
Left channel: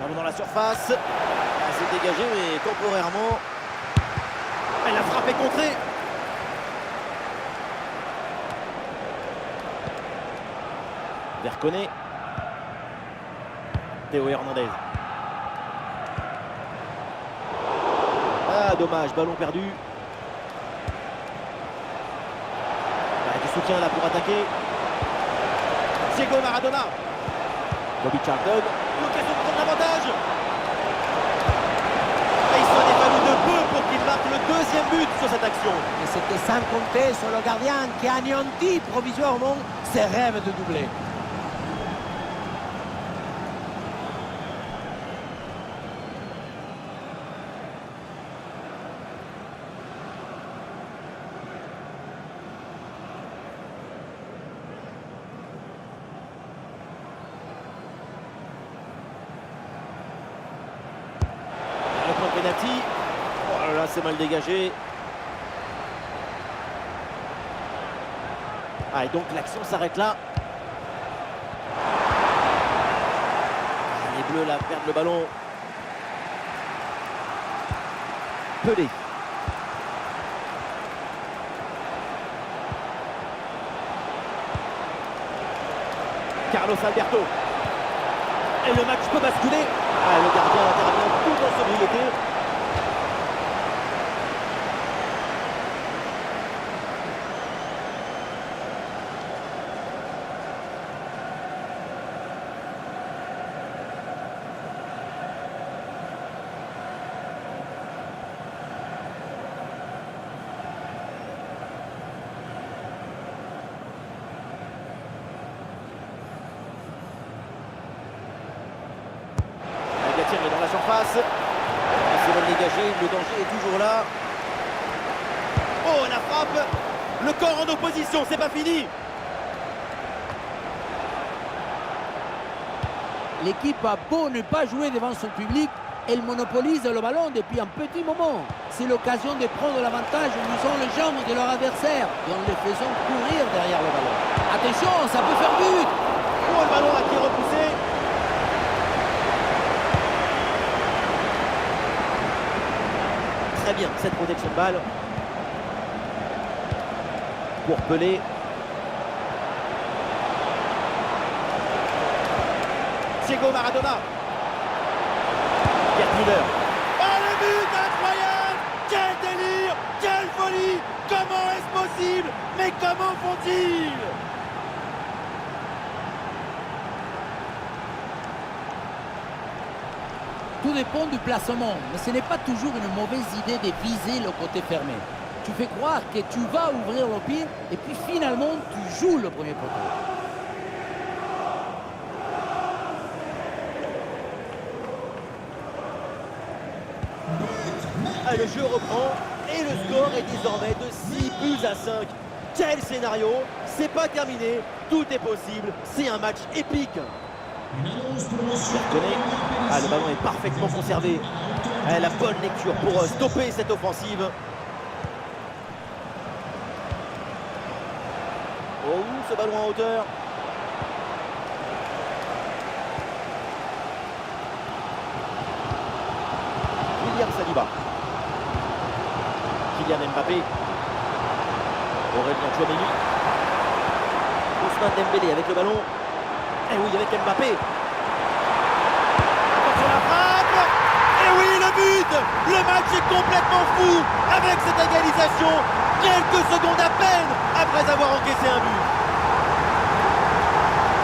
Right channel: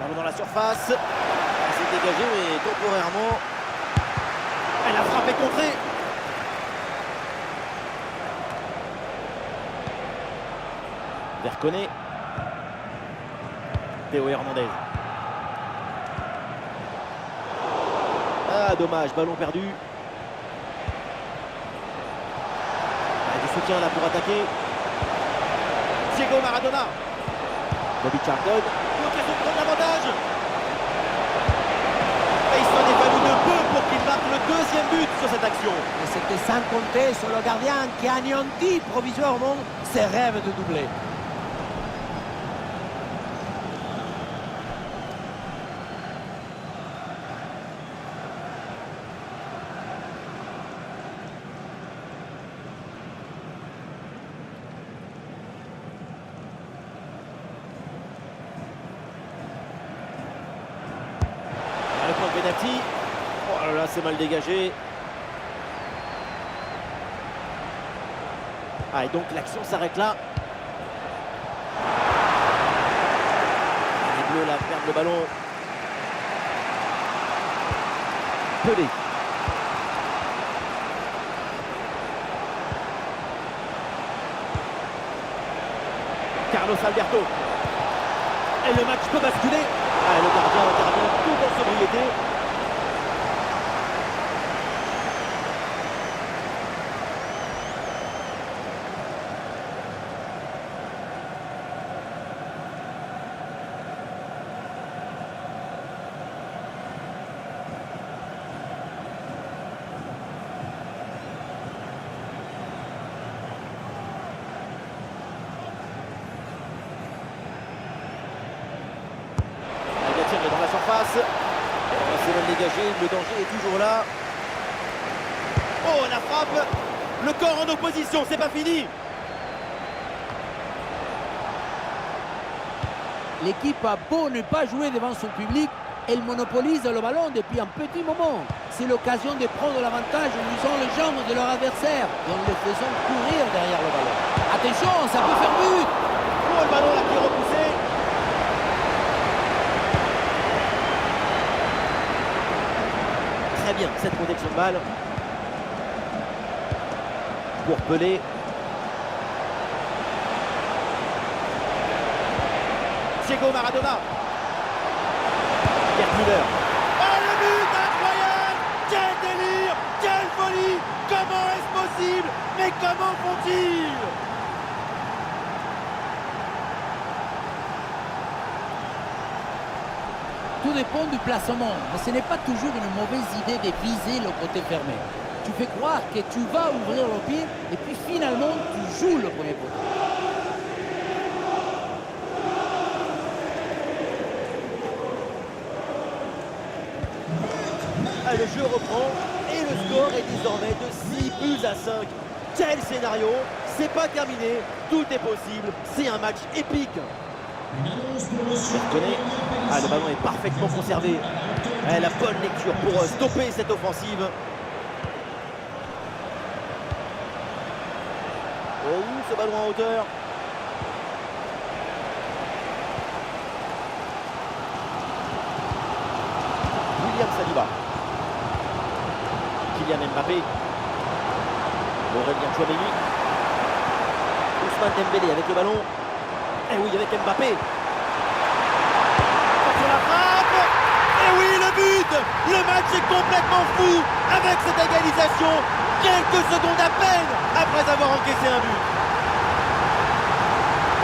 Ballon dans la surface. Elle s'est dégagée, mais temporairement. Elle a frappé contrée. Verconet. Théo Hernandez. Ah, dommage, ballon perdu. Ah, du soutien là pour attaquer. Diego Maradona. Bobby Charlton. L'occasion de prendre l'avantage. Et il s'en est fallu de peu pour qu'il marque le deuxième but sur cette action. Et c'était sans compter sur le gardien qui a anéanti provisoirement ses rêves de doubler. penalty. Oh là là, c'est mal dégagé. Ah, et donc l'action s'arrête là. Ah, les Bleus là perdent le ballon. Pelé. Carlos Alberto. Et le match peut basculer. Ah, le gardien intervient tout en sobriété. Est dans la surface. C'est mal dégagé, le danger est toujours là. Oh, la frappe. Le corps en opposition, c'est pas fini. L'équipe a beau ne pas jouer devant son public, elle monopolise le ballon depuis un petit moment. C'est l'occasion de prendre l'avantage en usant les jambes de leur adversaire et en les faisant courir derrière le ballon. Attention, ça peut faire but. Oh, le ballon là qui est repoussé. Très bien, cette protection de balle. Pour Pelé. Diego Maradona. Gerd Müller. Oh, le but incroyable! Quel délire! Quelle folie! Comment est-ce possible? Mais comment font-ils? Tout dépend du placement, mais ce n'est pas toujours une mauvaise idée de viser le côté fermé. Tu fais croire que tu vas ouvrir le pied et puis finalement tu joues le premier poteau. Ah, le jeu reprend et le score est désormais de 6-5. Quel scénario! C'est pas terminé, tout est possible, c'est un match épique. Bertonnet. Ah, le ballon est parfaitement conservé. Ah, la bonne lecture pour stopper cette offensive. Oh, ce ballon en hauteur. William Saliba. Kylian Mbappé. Aurélien Tchouaméni. Ousmane Dembélé avec le ballon. Et oui, avec Mbappé. Sur la frappe. Et oui, le but. Le match est complètement fou avec cette égalisation. Quelques secondes à peine après avoir encaissé un but.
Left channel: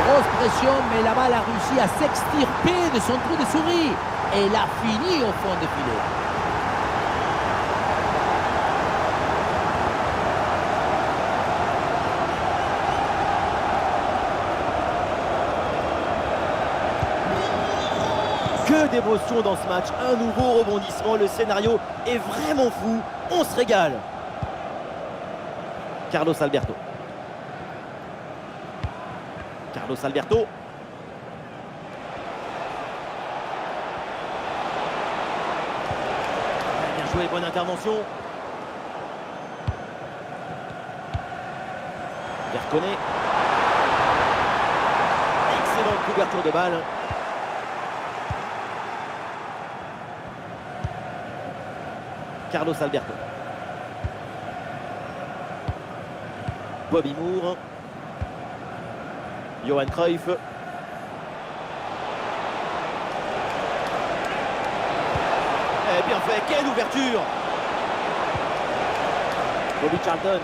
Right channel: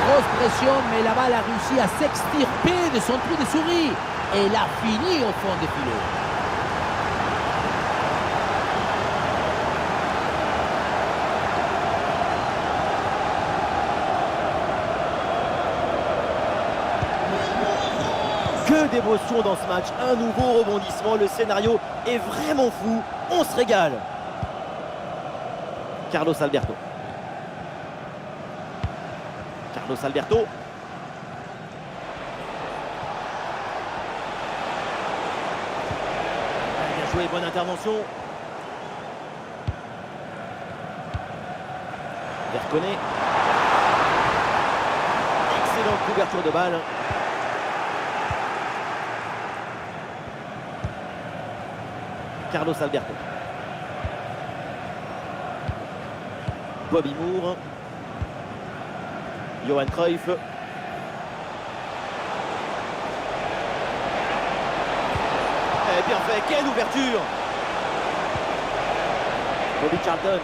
Grosse pression, mais la balle a réussi à s'extirper de son trou de souris. Et elle a fini au fond des filets. Que d'émotion dans ce match, un nouveau rebondissement, le scénario est vraiment fou, on se régale. Carlos Alberto. Carlos Alberto. Bien joué, bonne intervention. Verconnet. Excellente couverture de balle. Carlos Alberto. Bobby Moore. Johan Cruyff. Et bien fait, quelle ouverture! Bobby Charlton.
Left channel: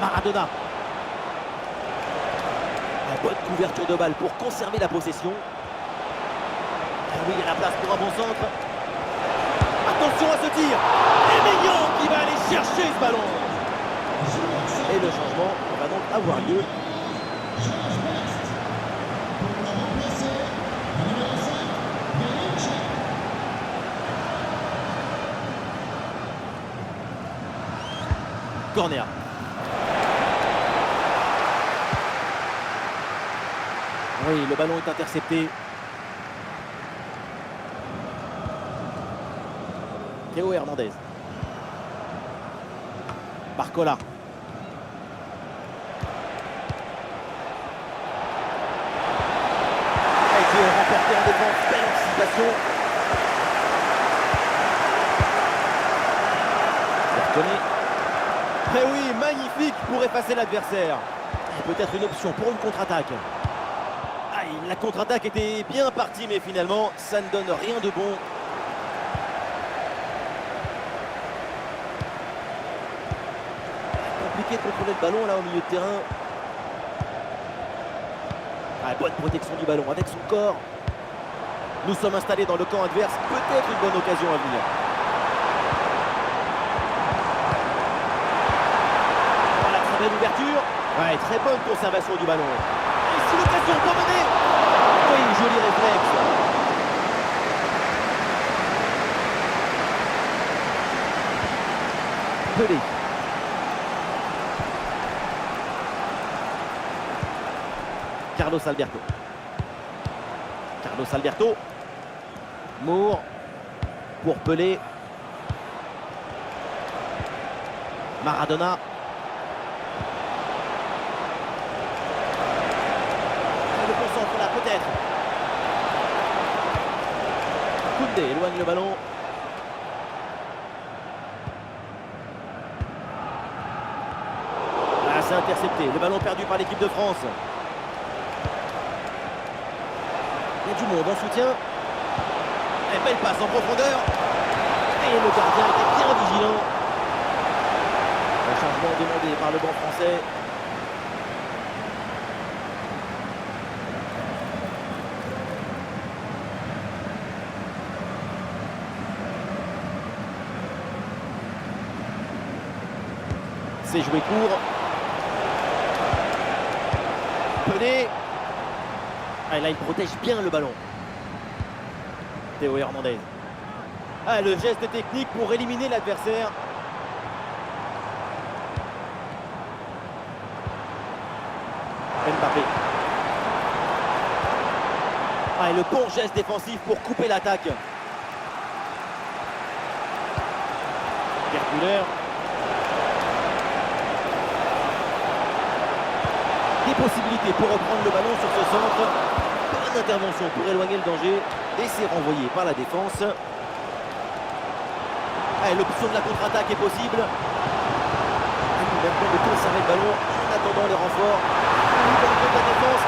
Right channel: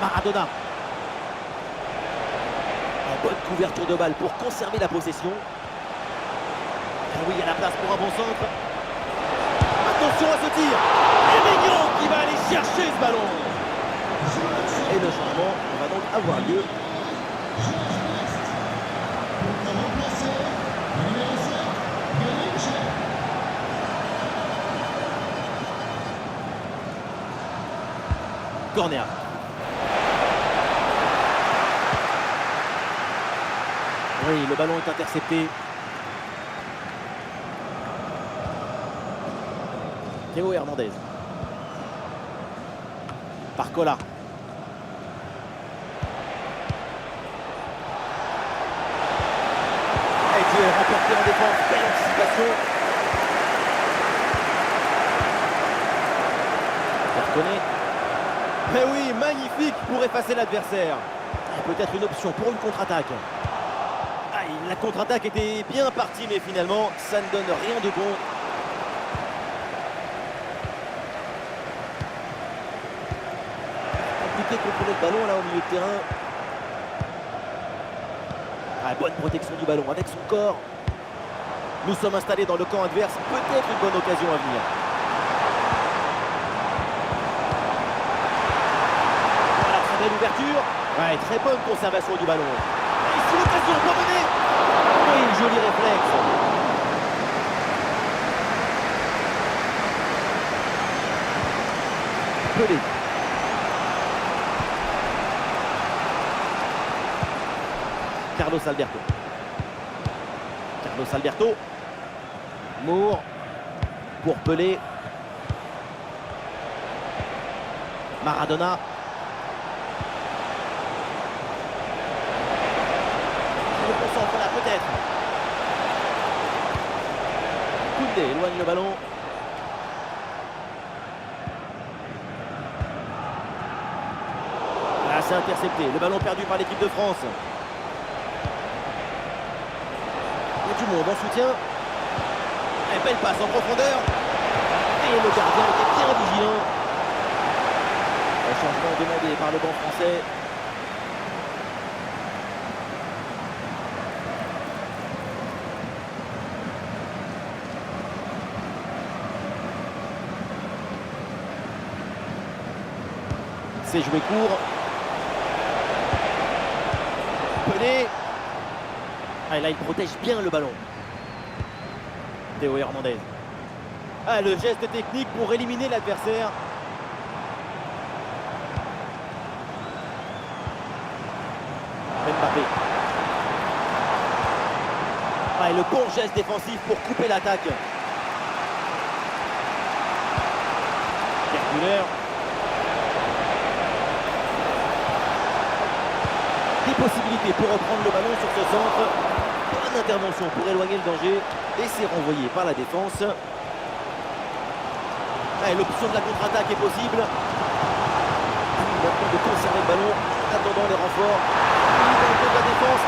Maradona. Bonne couverture de balle pour conserver la possession. Ah oui, il y a la place pour un bon centre. Attention à ce tir. Et Maignan qui va aller chercher ce ballon. Et le changement va donc avoir lieu. Corner. Oui, le ballon est intercepté. Théo Hernandez. Barcola. Et duel remporté en défense. Belle anticipation. Bertonnet. Mais oui, magnifique pour effacer l'adversaire. Peut-être une option pour une contre-attaque. Aïe, la contre-attaque était bien partie, mais finalement, ça ne donne rien de bon. Compliqué de contrôler le ballon là au milieu de terrain. Ah, bonne protection du ballon avec son corps. Nous sommes installés dans le camp adverse. Peut-être une bonne occasion à venir. Voilà, très belle ouverture. Ouais, très bonne conservation du ballon. Et ici l'occasion pour mener. Oui, joli réflexe. Pelé. Carlos Alberto. Carlos Alberto. Moore. Pour Pelé. Maradona. Le bon centre là, peut-être. Koundé éloigne le ballon. Là, c'est intercepté. Le ballon perdu par l'équipe de France. Il y a du monde en soutien. Et belle passe en profondeur. Et le gardien était bien vigilant. Un changement demandé par le banc français. C'est joué court. Pelé. Ah, et là, il protège bien le ballon. Théo Hernandez. Ah, le geste technique pour éliminer l'adversaire. Mbappé. Ah, et le bon geste défensif pour couper l'attaque. Gerd Müller. Des possibilités pour reprendre le ballon sur ce centre. Bonne intervention pour éloigner le danger. Et c'est renvoyé par la défense. L'option de la contre-attaque est possible. À lui maintenant de conserver le ballon en attendant les renforts. Il dans le dos de la défense.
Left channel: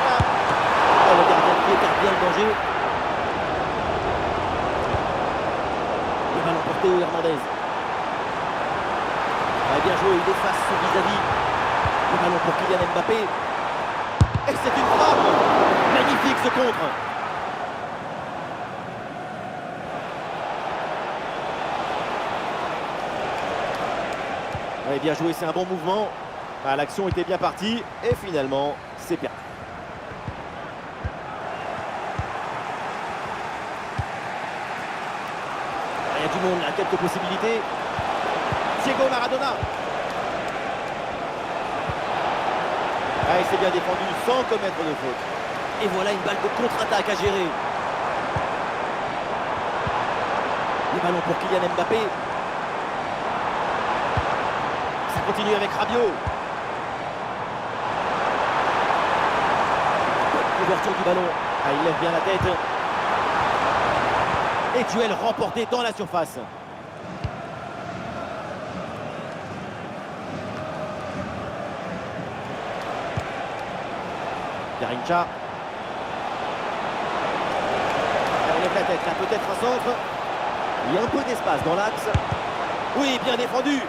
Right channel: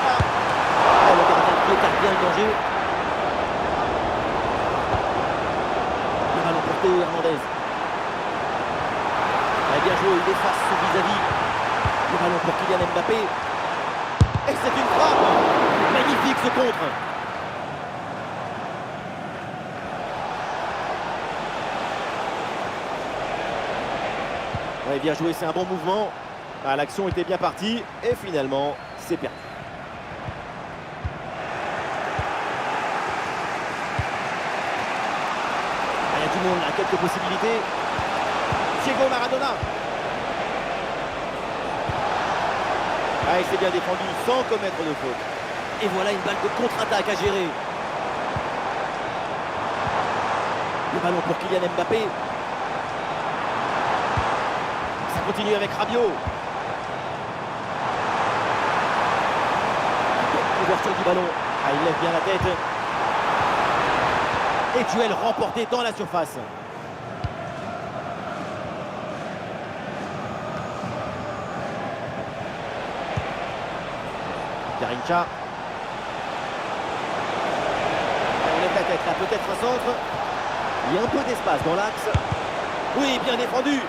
Le gardien qui écarte bien le danger. Le ballon pour Théo Hernandez. Bien joué, il efface son vis-à-vis. Le ballon pour Kylian Mbappé. Et c'est une frappe. Magnifique ce contre. Ouais, bien joué, c'est un bon mouvement. L'action était bien partie. Et finalement, c'est perdu. Il y a du monde là, quelques possibilités. Diego Maradona. Il s'est bien défendu sans commettre de faute. Et voilà une balle de contre-attaque à gérer. Le ballon pour Kylian Mbappé. Ça continue avec Rabiot. Ouverture du ballon. Il lève bien la tête. Et duel remporté dans la surface. Garincha. On lève la tête, là peut-être un centre. Il y a un peu d'espace dans l'axe. Oui, bien défendu.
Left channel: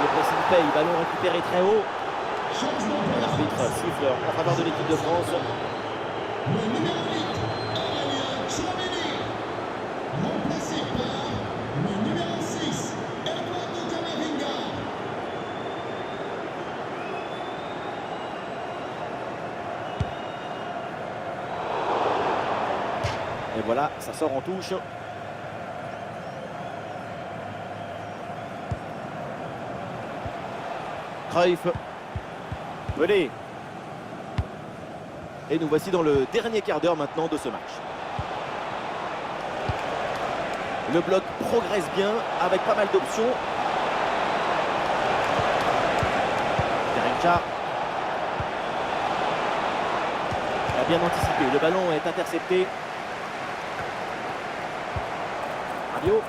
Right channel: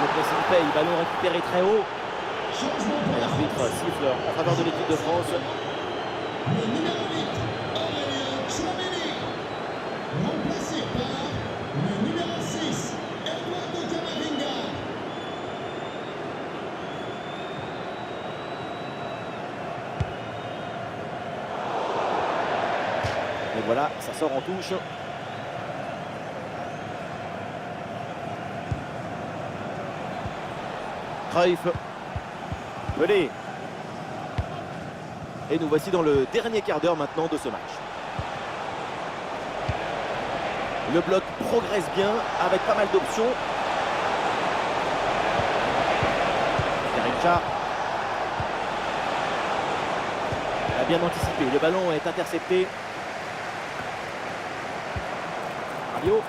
Le pressing paye, ballon récupéré très haut. Et l'arbitre siffle en faveur de l'équipe de France. Le numéro 8, Aurélien Tchouameni, remplacé par le numéro 6, Eduardo Camavinga. Et voilà, ça sort en touche. Cruyff. Pelé. Et nous voici dans le dernier quart d'heure maintenant de ce match. Le bloc progresse bien avec pas mal d'options. Garincha a bien anticipé. Le ballon est intercepté. Rabiot.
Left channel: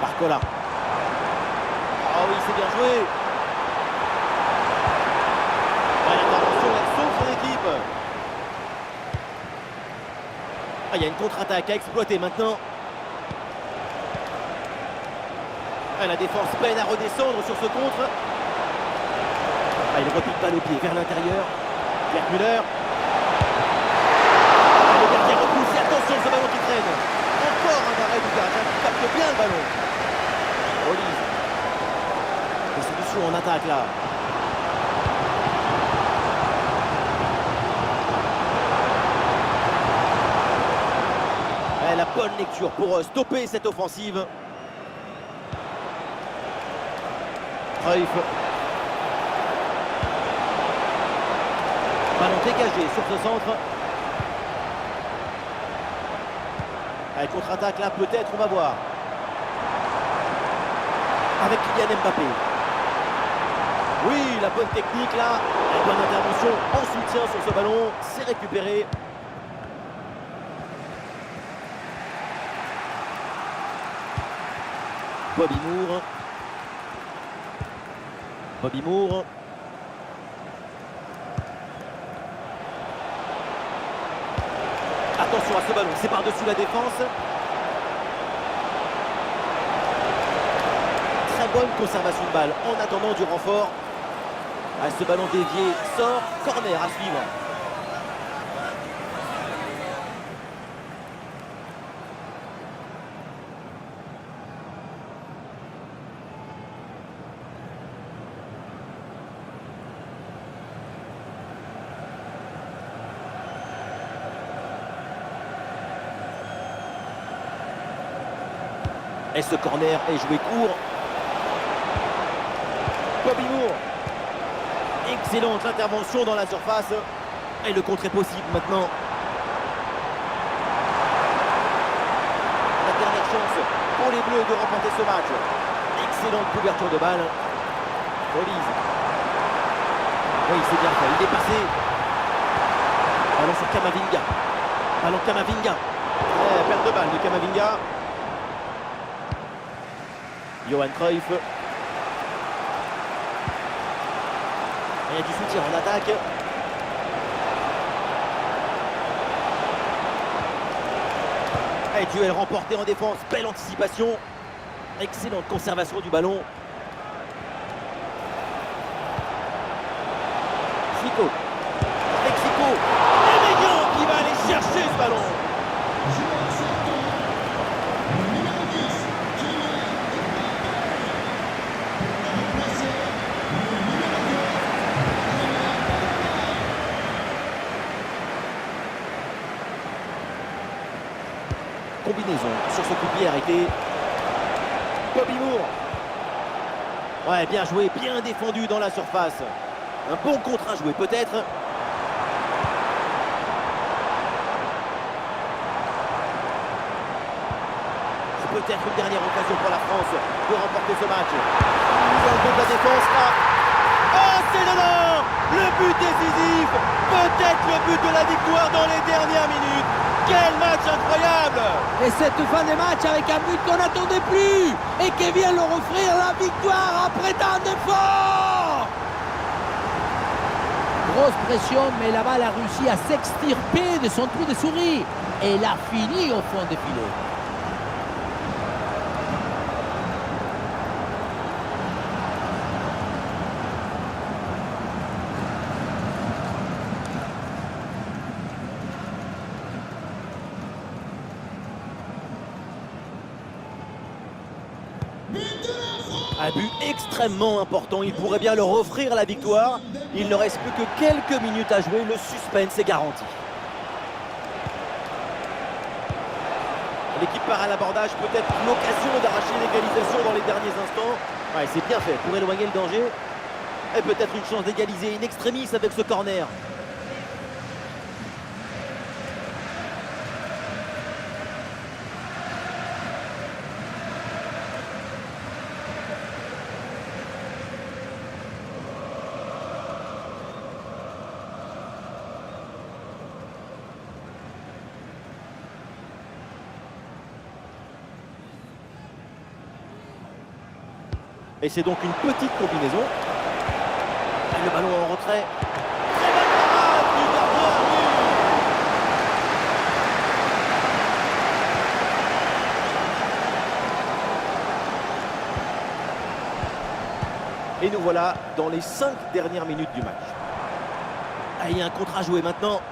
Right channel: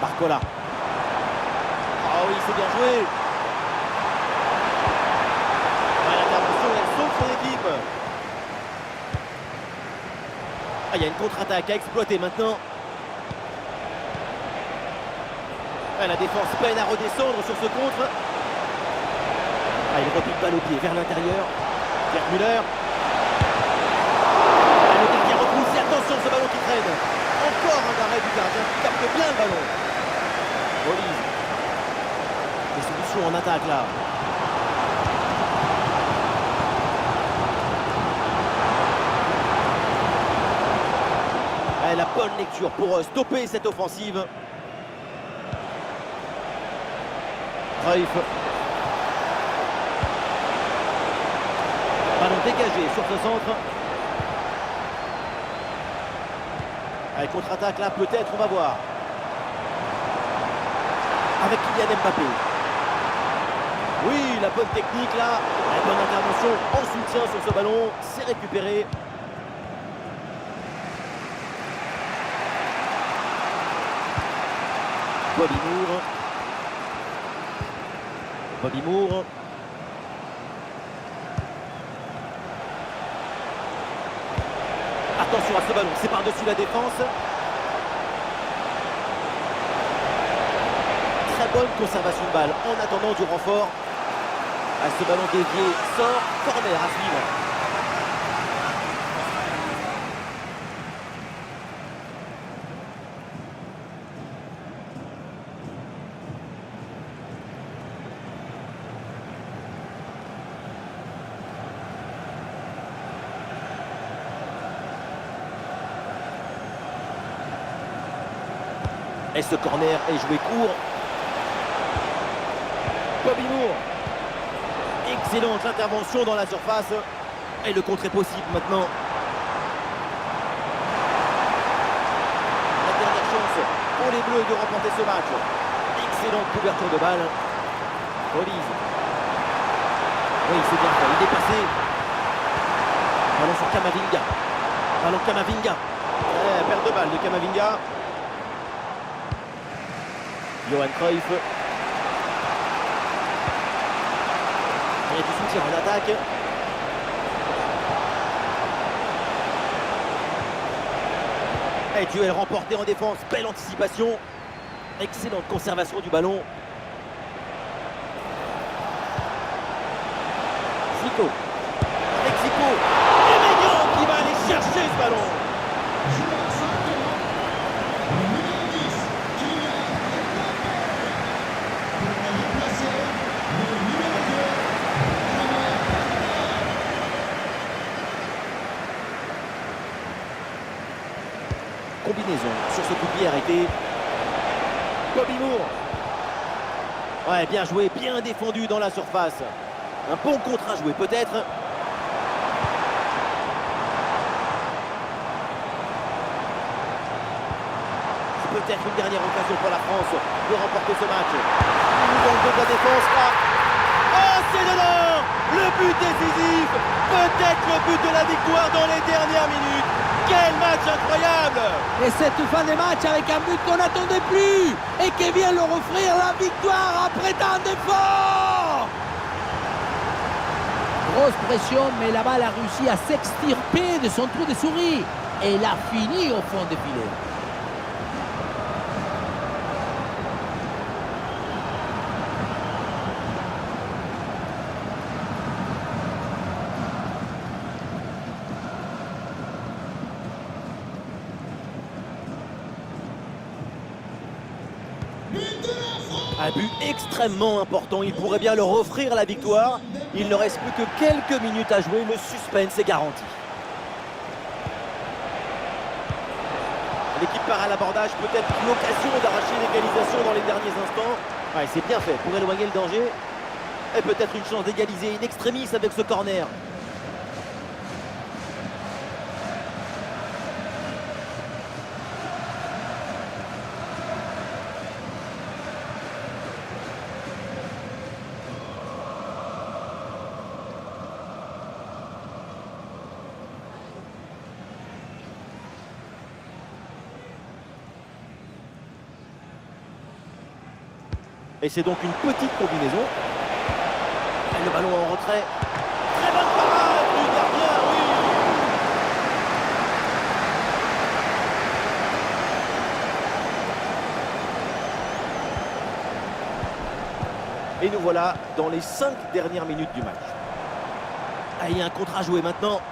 Barcola. Oh oui, c'est bien joué. Ouais, l'intervention, elle sauve son équipe. Ah, il y a une contre-attaque à exploiter maintenant. Ah, la défense peine à redescendre sur ce contre. Ah, il repique balle au pied vers l'intérieur. Gerd Müller. Ah, le gardien repousse et attention ce ballon qui traîne. Encore un arrêt du gardien qui capte bien le ballon. Rolise. Des solutions en attaque là. La bonne lecture pour stopper cette offensive. Cruyff. Ballon dégagé sur ce centre. Allez, contre-attaque là, peut-être, on va voir. Avec Kylian Mbappé. Oui, la bonne technique là. La bonne intervention en soutien sur ce ballon. C'est récupéré. Bobby Moore. Bobby Moore. Attention à ce ballon, c'est par-dessus la défense. Très bonne conservation de balle en attendant du renfort. Ah, ce ballon dévié sort, corner à suivre. Et ce corner est joué court. Bobby Moore. Excellente intervention dans la surface. Et le contre est possible maintenant. La dernière chance pour les Bleus de remporter ce match. Excellente couverture de balle. Rolise. Oui, c'est bien fait. Il est passé. Ballon sur Camavinga. Ballon Camavinga. Perte de balle de Camavinga. Johan Cruyff. Il y a du soutien en attaque. Et duel remporté en défense. Belle anticipation. Excellente conservation du ballon. Zico. Avec Zico. Et Maignan qui va aller chercher ce ballon. Joueur sortant, le numéro 10, Kylian Mbappé. Pour le remplacer, le numéro 2, Benjamin Pavard. Combinaison sur ce coup de pied arrêté. Bobby Moore. Ouais, bien joué, bien défendu dans la surface. Un bon contre à jouer peut-être. C'est peut-être une dernière occasion pour la France de remporter ce match. Dans le dos de la défense là. Oh, c'est dedans! Le but décisif. Peut-être le but de la victoire dans les dernières minutes. Quel match incroyable! Et cette fin de match avec un but qu'on n'attendait plus et qui vient leur offrir la victoire après tant d'efforts. Grosse pression, mais la balle a réussi à s'extirper de son trou de souris. Et elle a fini au fond des filets. Un but extrêmement important, il pourrait bien leur offrir la victoire. Il ne reste plus que quelques minutes à jouer, le suspense est garanti. L'équipe part à l'abordage, peut-être l'occasion d'arracher l'égalisation dans les derniers instants. Ouais, c'est bien fait pour éloigner le danger. Et peut-être une chance d'égaliser in extremis avec ce corner. Et c'est donc une petite combinaison. Et le ballon en retrait. Très bonne parade du gardien, oui. Et nous voilà dans les 5 dernières minutes du match. Ah, il y a un contre à jouer maintenant.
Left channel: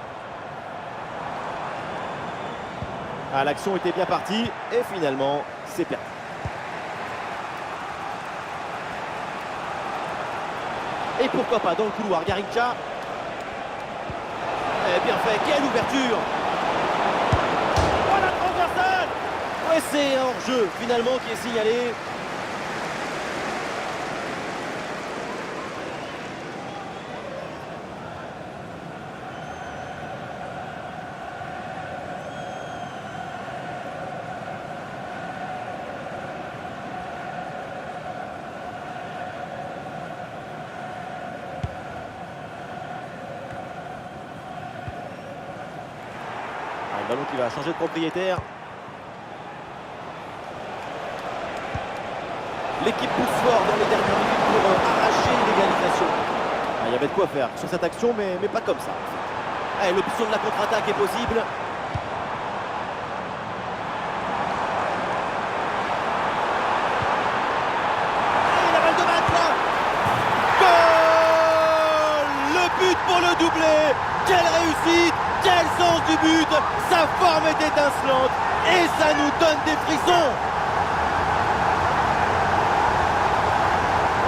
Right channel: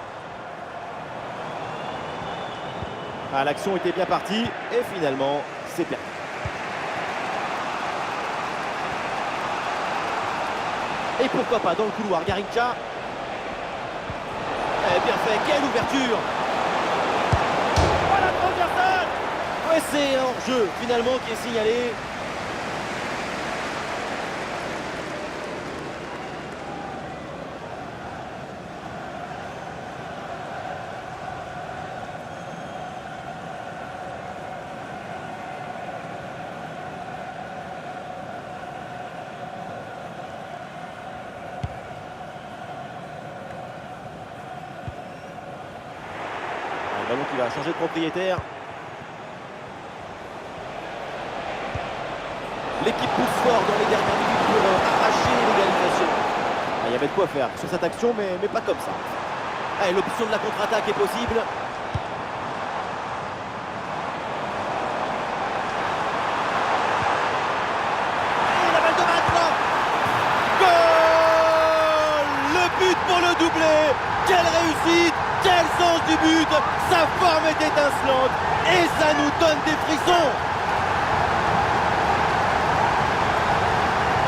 Ah, l'action était bien partie et finalement, c'est perdu. Et pourquoi pas dans le couloir, Garrincha. Bien fait, quelle ouverture. Oh, la transversale. Ouais, c'est un hors-jeu finalement qui est signalé. Le ballon qui va changer de propriétaire. L'équipe pousse fort dans les dernières minutes pour arracher l'égalisation. Ah, il y avait de quoi faire sur cette action, mais pas comme ça. Ah, l'option de la contre-attaque est possible. Et la balle de match là. Goal! Le but pour le doublé. Quelle réussite! Quel sens du but! Sa forme est étincelante et ça nous donne des frissons.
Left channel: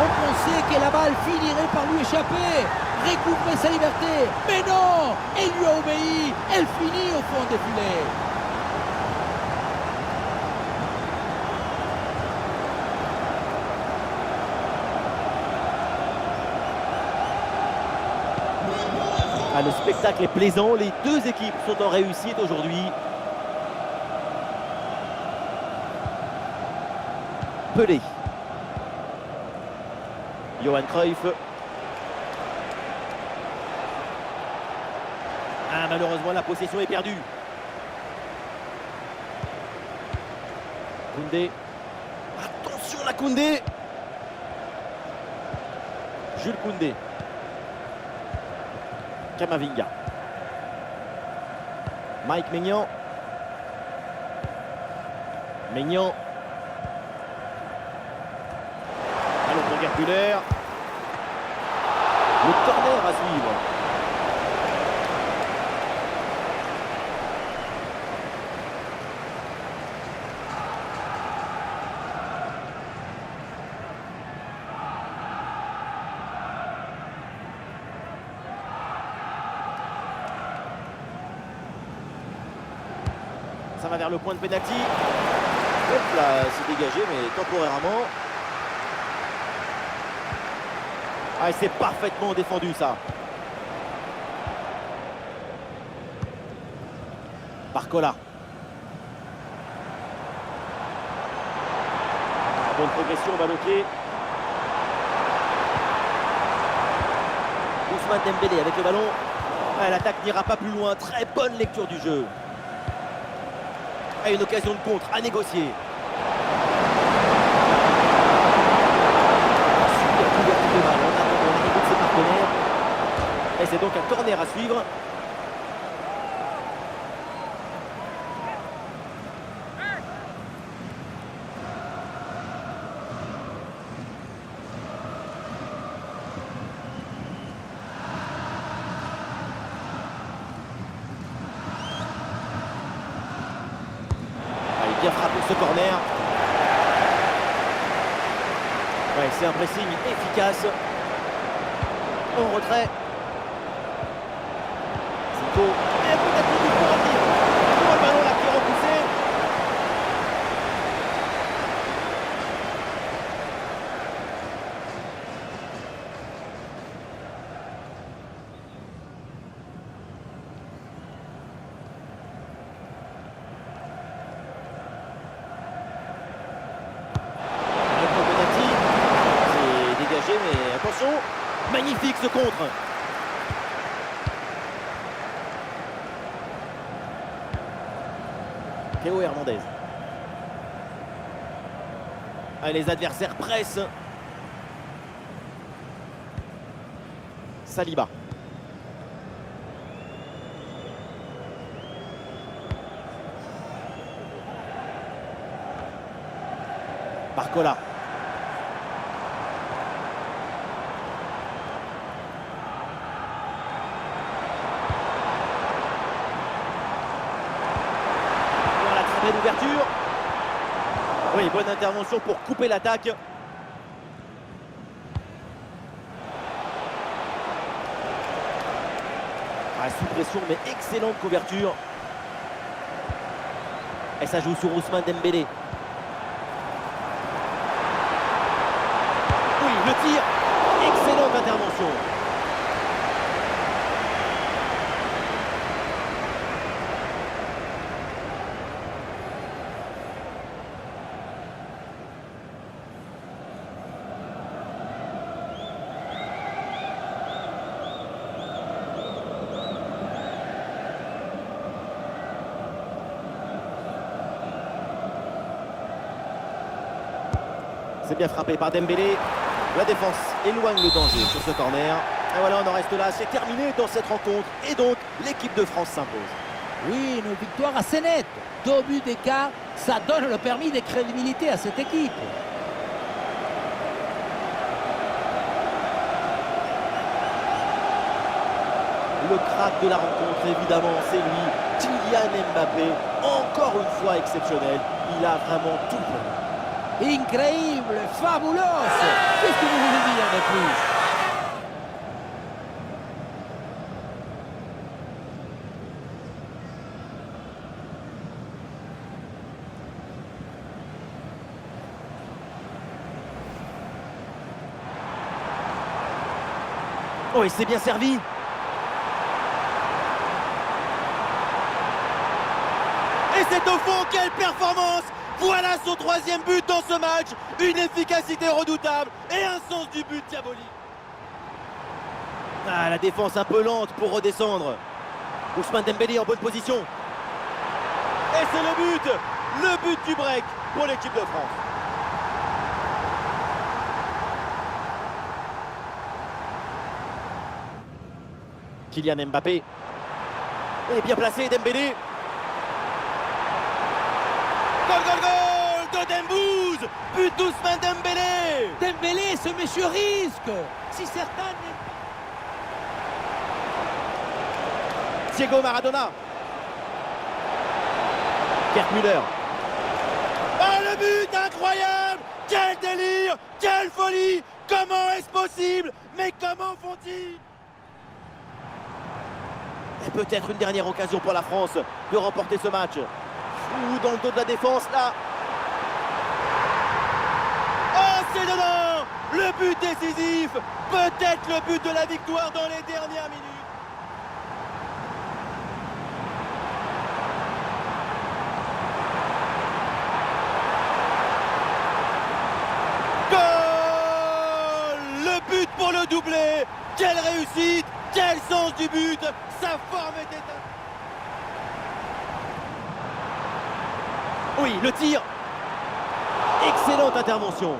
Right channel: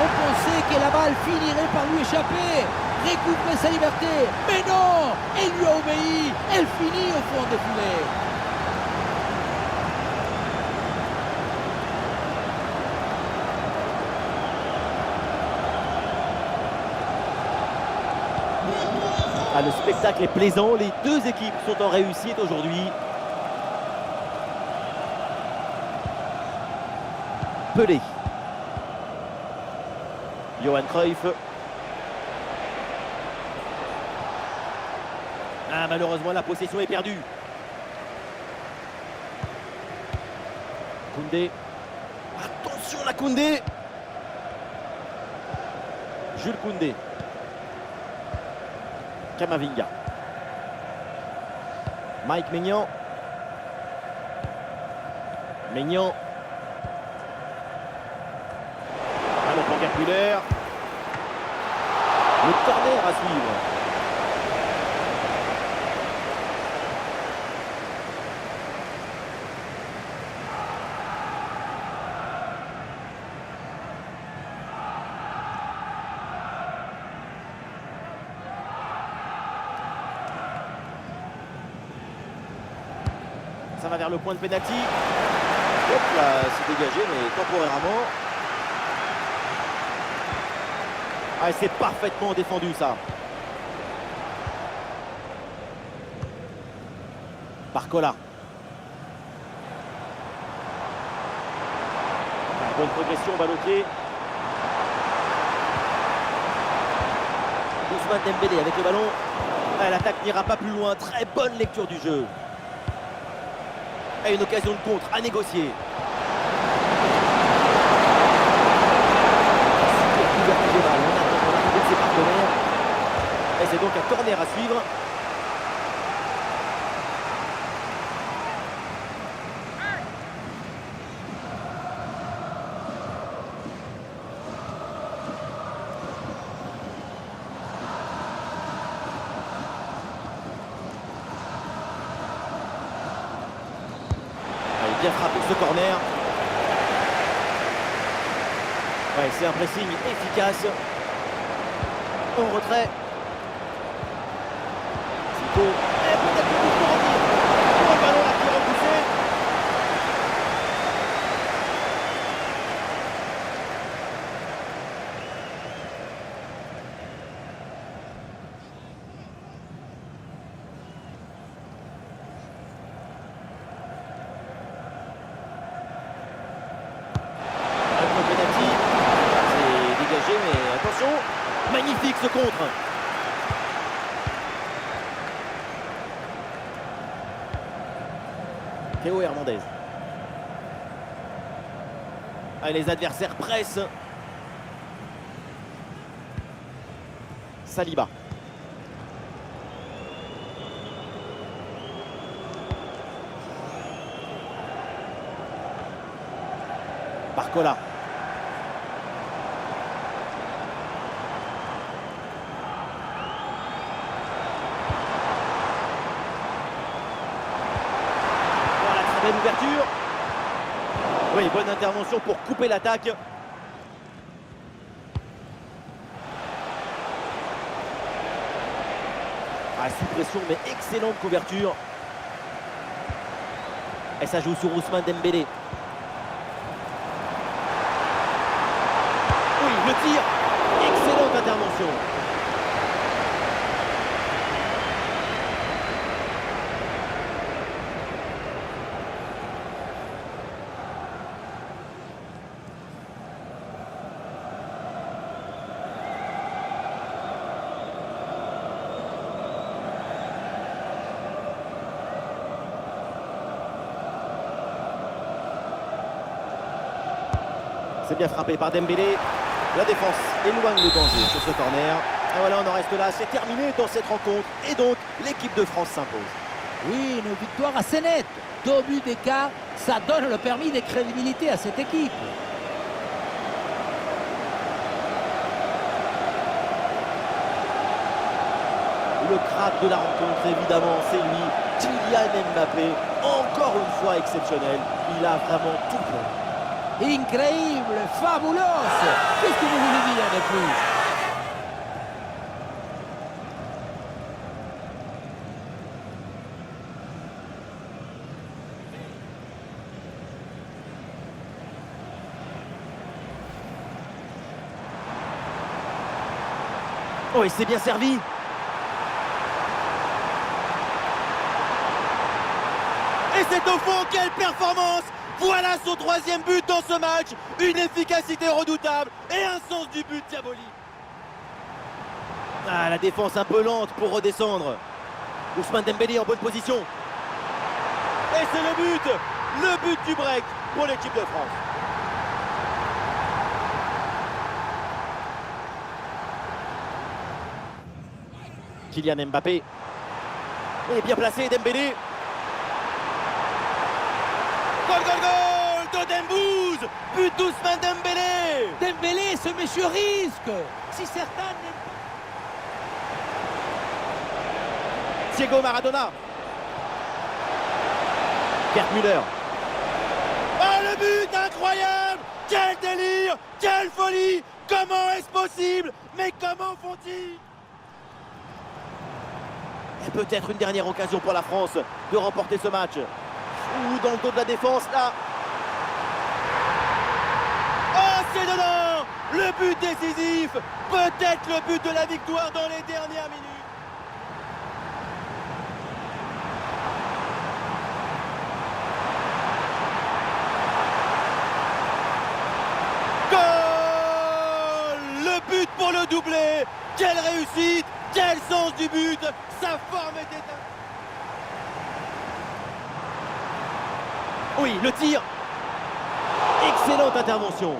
On pensait que la balle finirait par lui échapper, recouvrer sa liberté. Mais non! Elle lui a obéi. Elle finit au fond des filets. Ah, le spectacle est plaisant, les deux équipes sont en réussite aujourd'hui. Pelé. Johan Cruyff. Ah, malheureusement, la possession est perdue. Koundé. Attention, la Koundé. Jules Koundé. Camavinga. Mike Maignan. Maignan. Ballon pour Gerd. Le corner à suivre. Ça va vers le point de pénalty. Hop là, c'est dégagé, mais temporairement. Ah, c'est parfaitement défendu ça. Barcola. Ah, bonne progression, balle au pied. Ousmane Dembélé avec le ballon. Ah, l'attaque n'ira pas plus loin. Très bonne lecture du jeu. Et une occasion de contre à négocier. Super couverture de balle en attendant l'arrivée de ses partenaires. Et c'est donc un corner à suivre. Bien frappé ce corner. Ouais, c'est un pressing efficace. En retrait. Zico. Et peut-être le coup pour revenir. Pour le ballon là qui est repoussé. C'est dégagé, mais attention, magnifique ce contre. Théo Hernandez. Ah, les adversaires pressent. Saliba. Barcola. Voilà, très belle ouverture. Oui, bonne intervention pour couper l'attaque. Ah, sous pression, mais excellente couverture. Et ça joue sur Ousmane Dembélé. Oui, le tir. Excellente intervention. C'est bien frappé par Dembélé. La défense éloigne le danger sur ce corner. Et voilà, on en reste là. C'est terminé dans cette rencontre. Et donc, l'équipe de France s'impose. Oui, une victoire assez nette. 2 buts d'écart, ça donne le permis de crédibilité à cette équipe. Le crack de la rencontre, évidemment, c'est lui. Kylian Mbappé, encore une fois exceptionnel. Il a vraiment tout fait. Incroyable, fabuloso. Qu'est-ce que vous voulez dire de plus? Oh, et c'est bien servi. Et c'est au fond, quelle performance! Voilà son 3e but dans ce match. Une efficacité redoutable et un sens du but diabolique. Ah, la défense un peu lente pour redescendre. Ousmane Dembélé en bonne position. Et c'est le but du break pour l'équipe de France. Kylian Mbappé. Et bien placé, Dembélé. Gol, gol, gol de Dembouz. But d'Ousmane Dembélé. Dembélé, ce monsieur risque. Si certains n'aiment Diego Maradona. Gerd Müller. Oh, le but incroyable. Quel délire, quelle folie. Comment est-ce possible? Mais comment font-ils? Et peut-être une dernière occasion pour la France de remporter ce match. Ou dans le dos de la défense, là. Oh, c'est dedans. Le but décisif. Peut-être le but de la victoire dans les dernières minutes. Goal! Le but pour le doublé. Quelle réussite, quel sens du but. Sa forme était... Oui, le tir. Excellente intervention.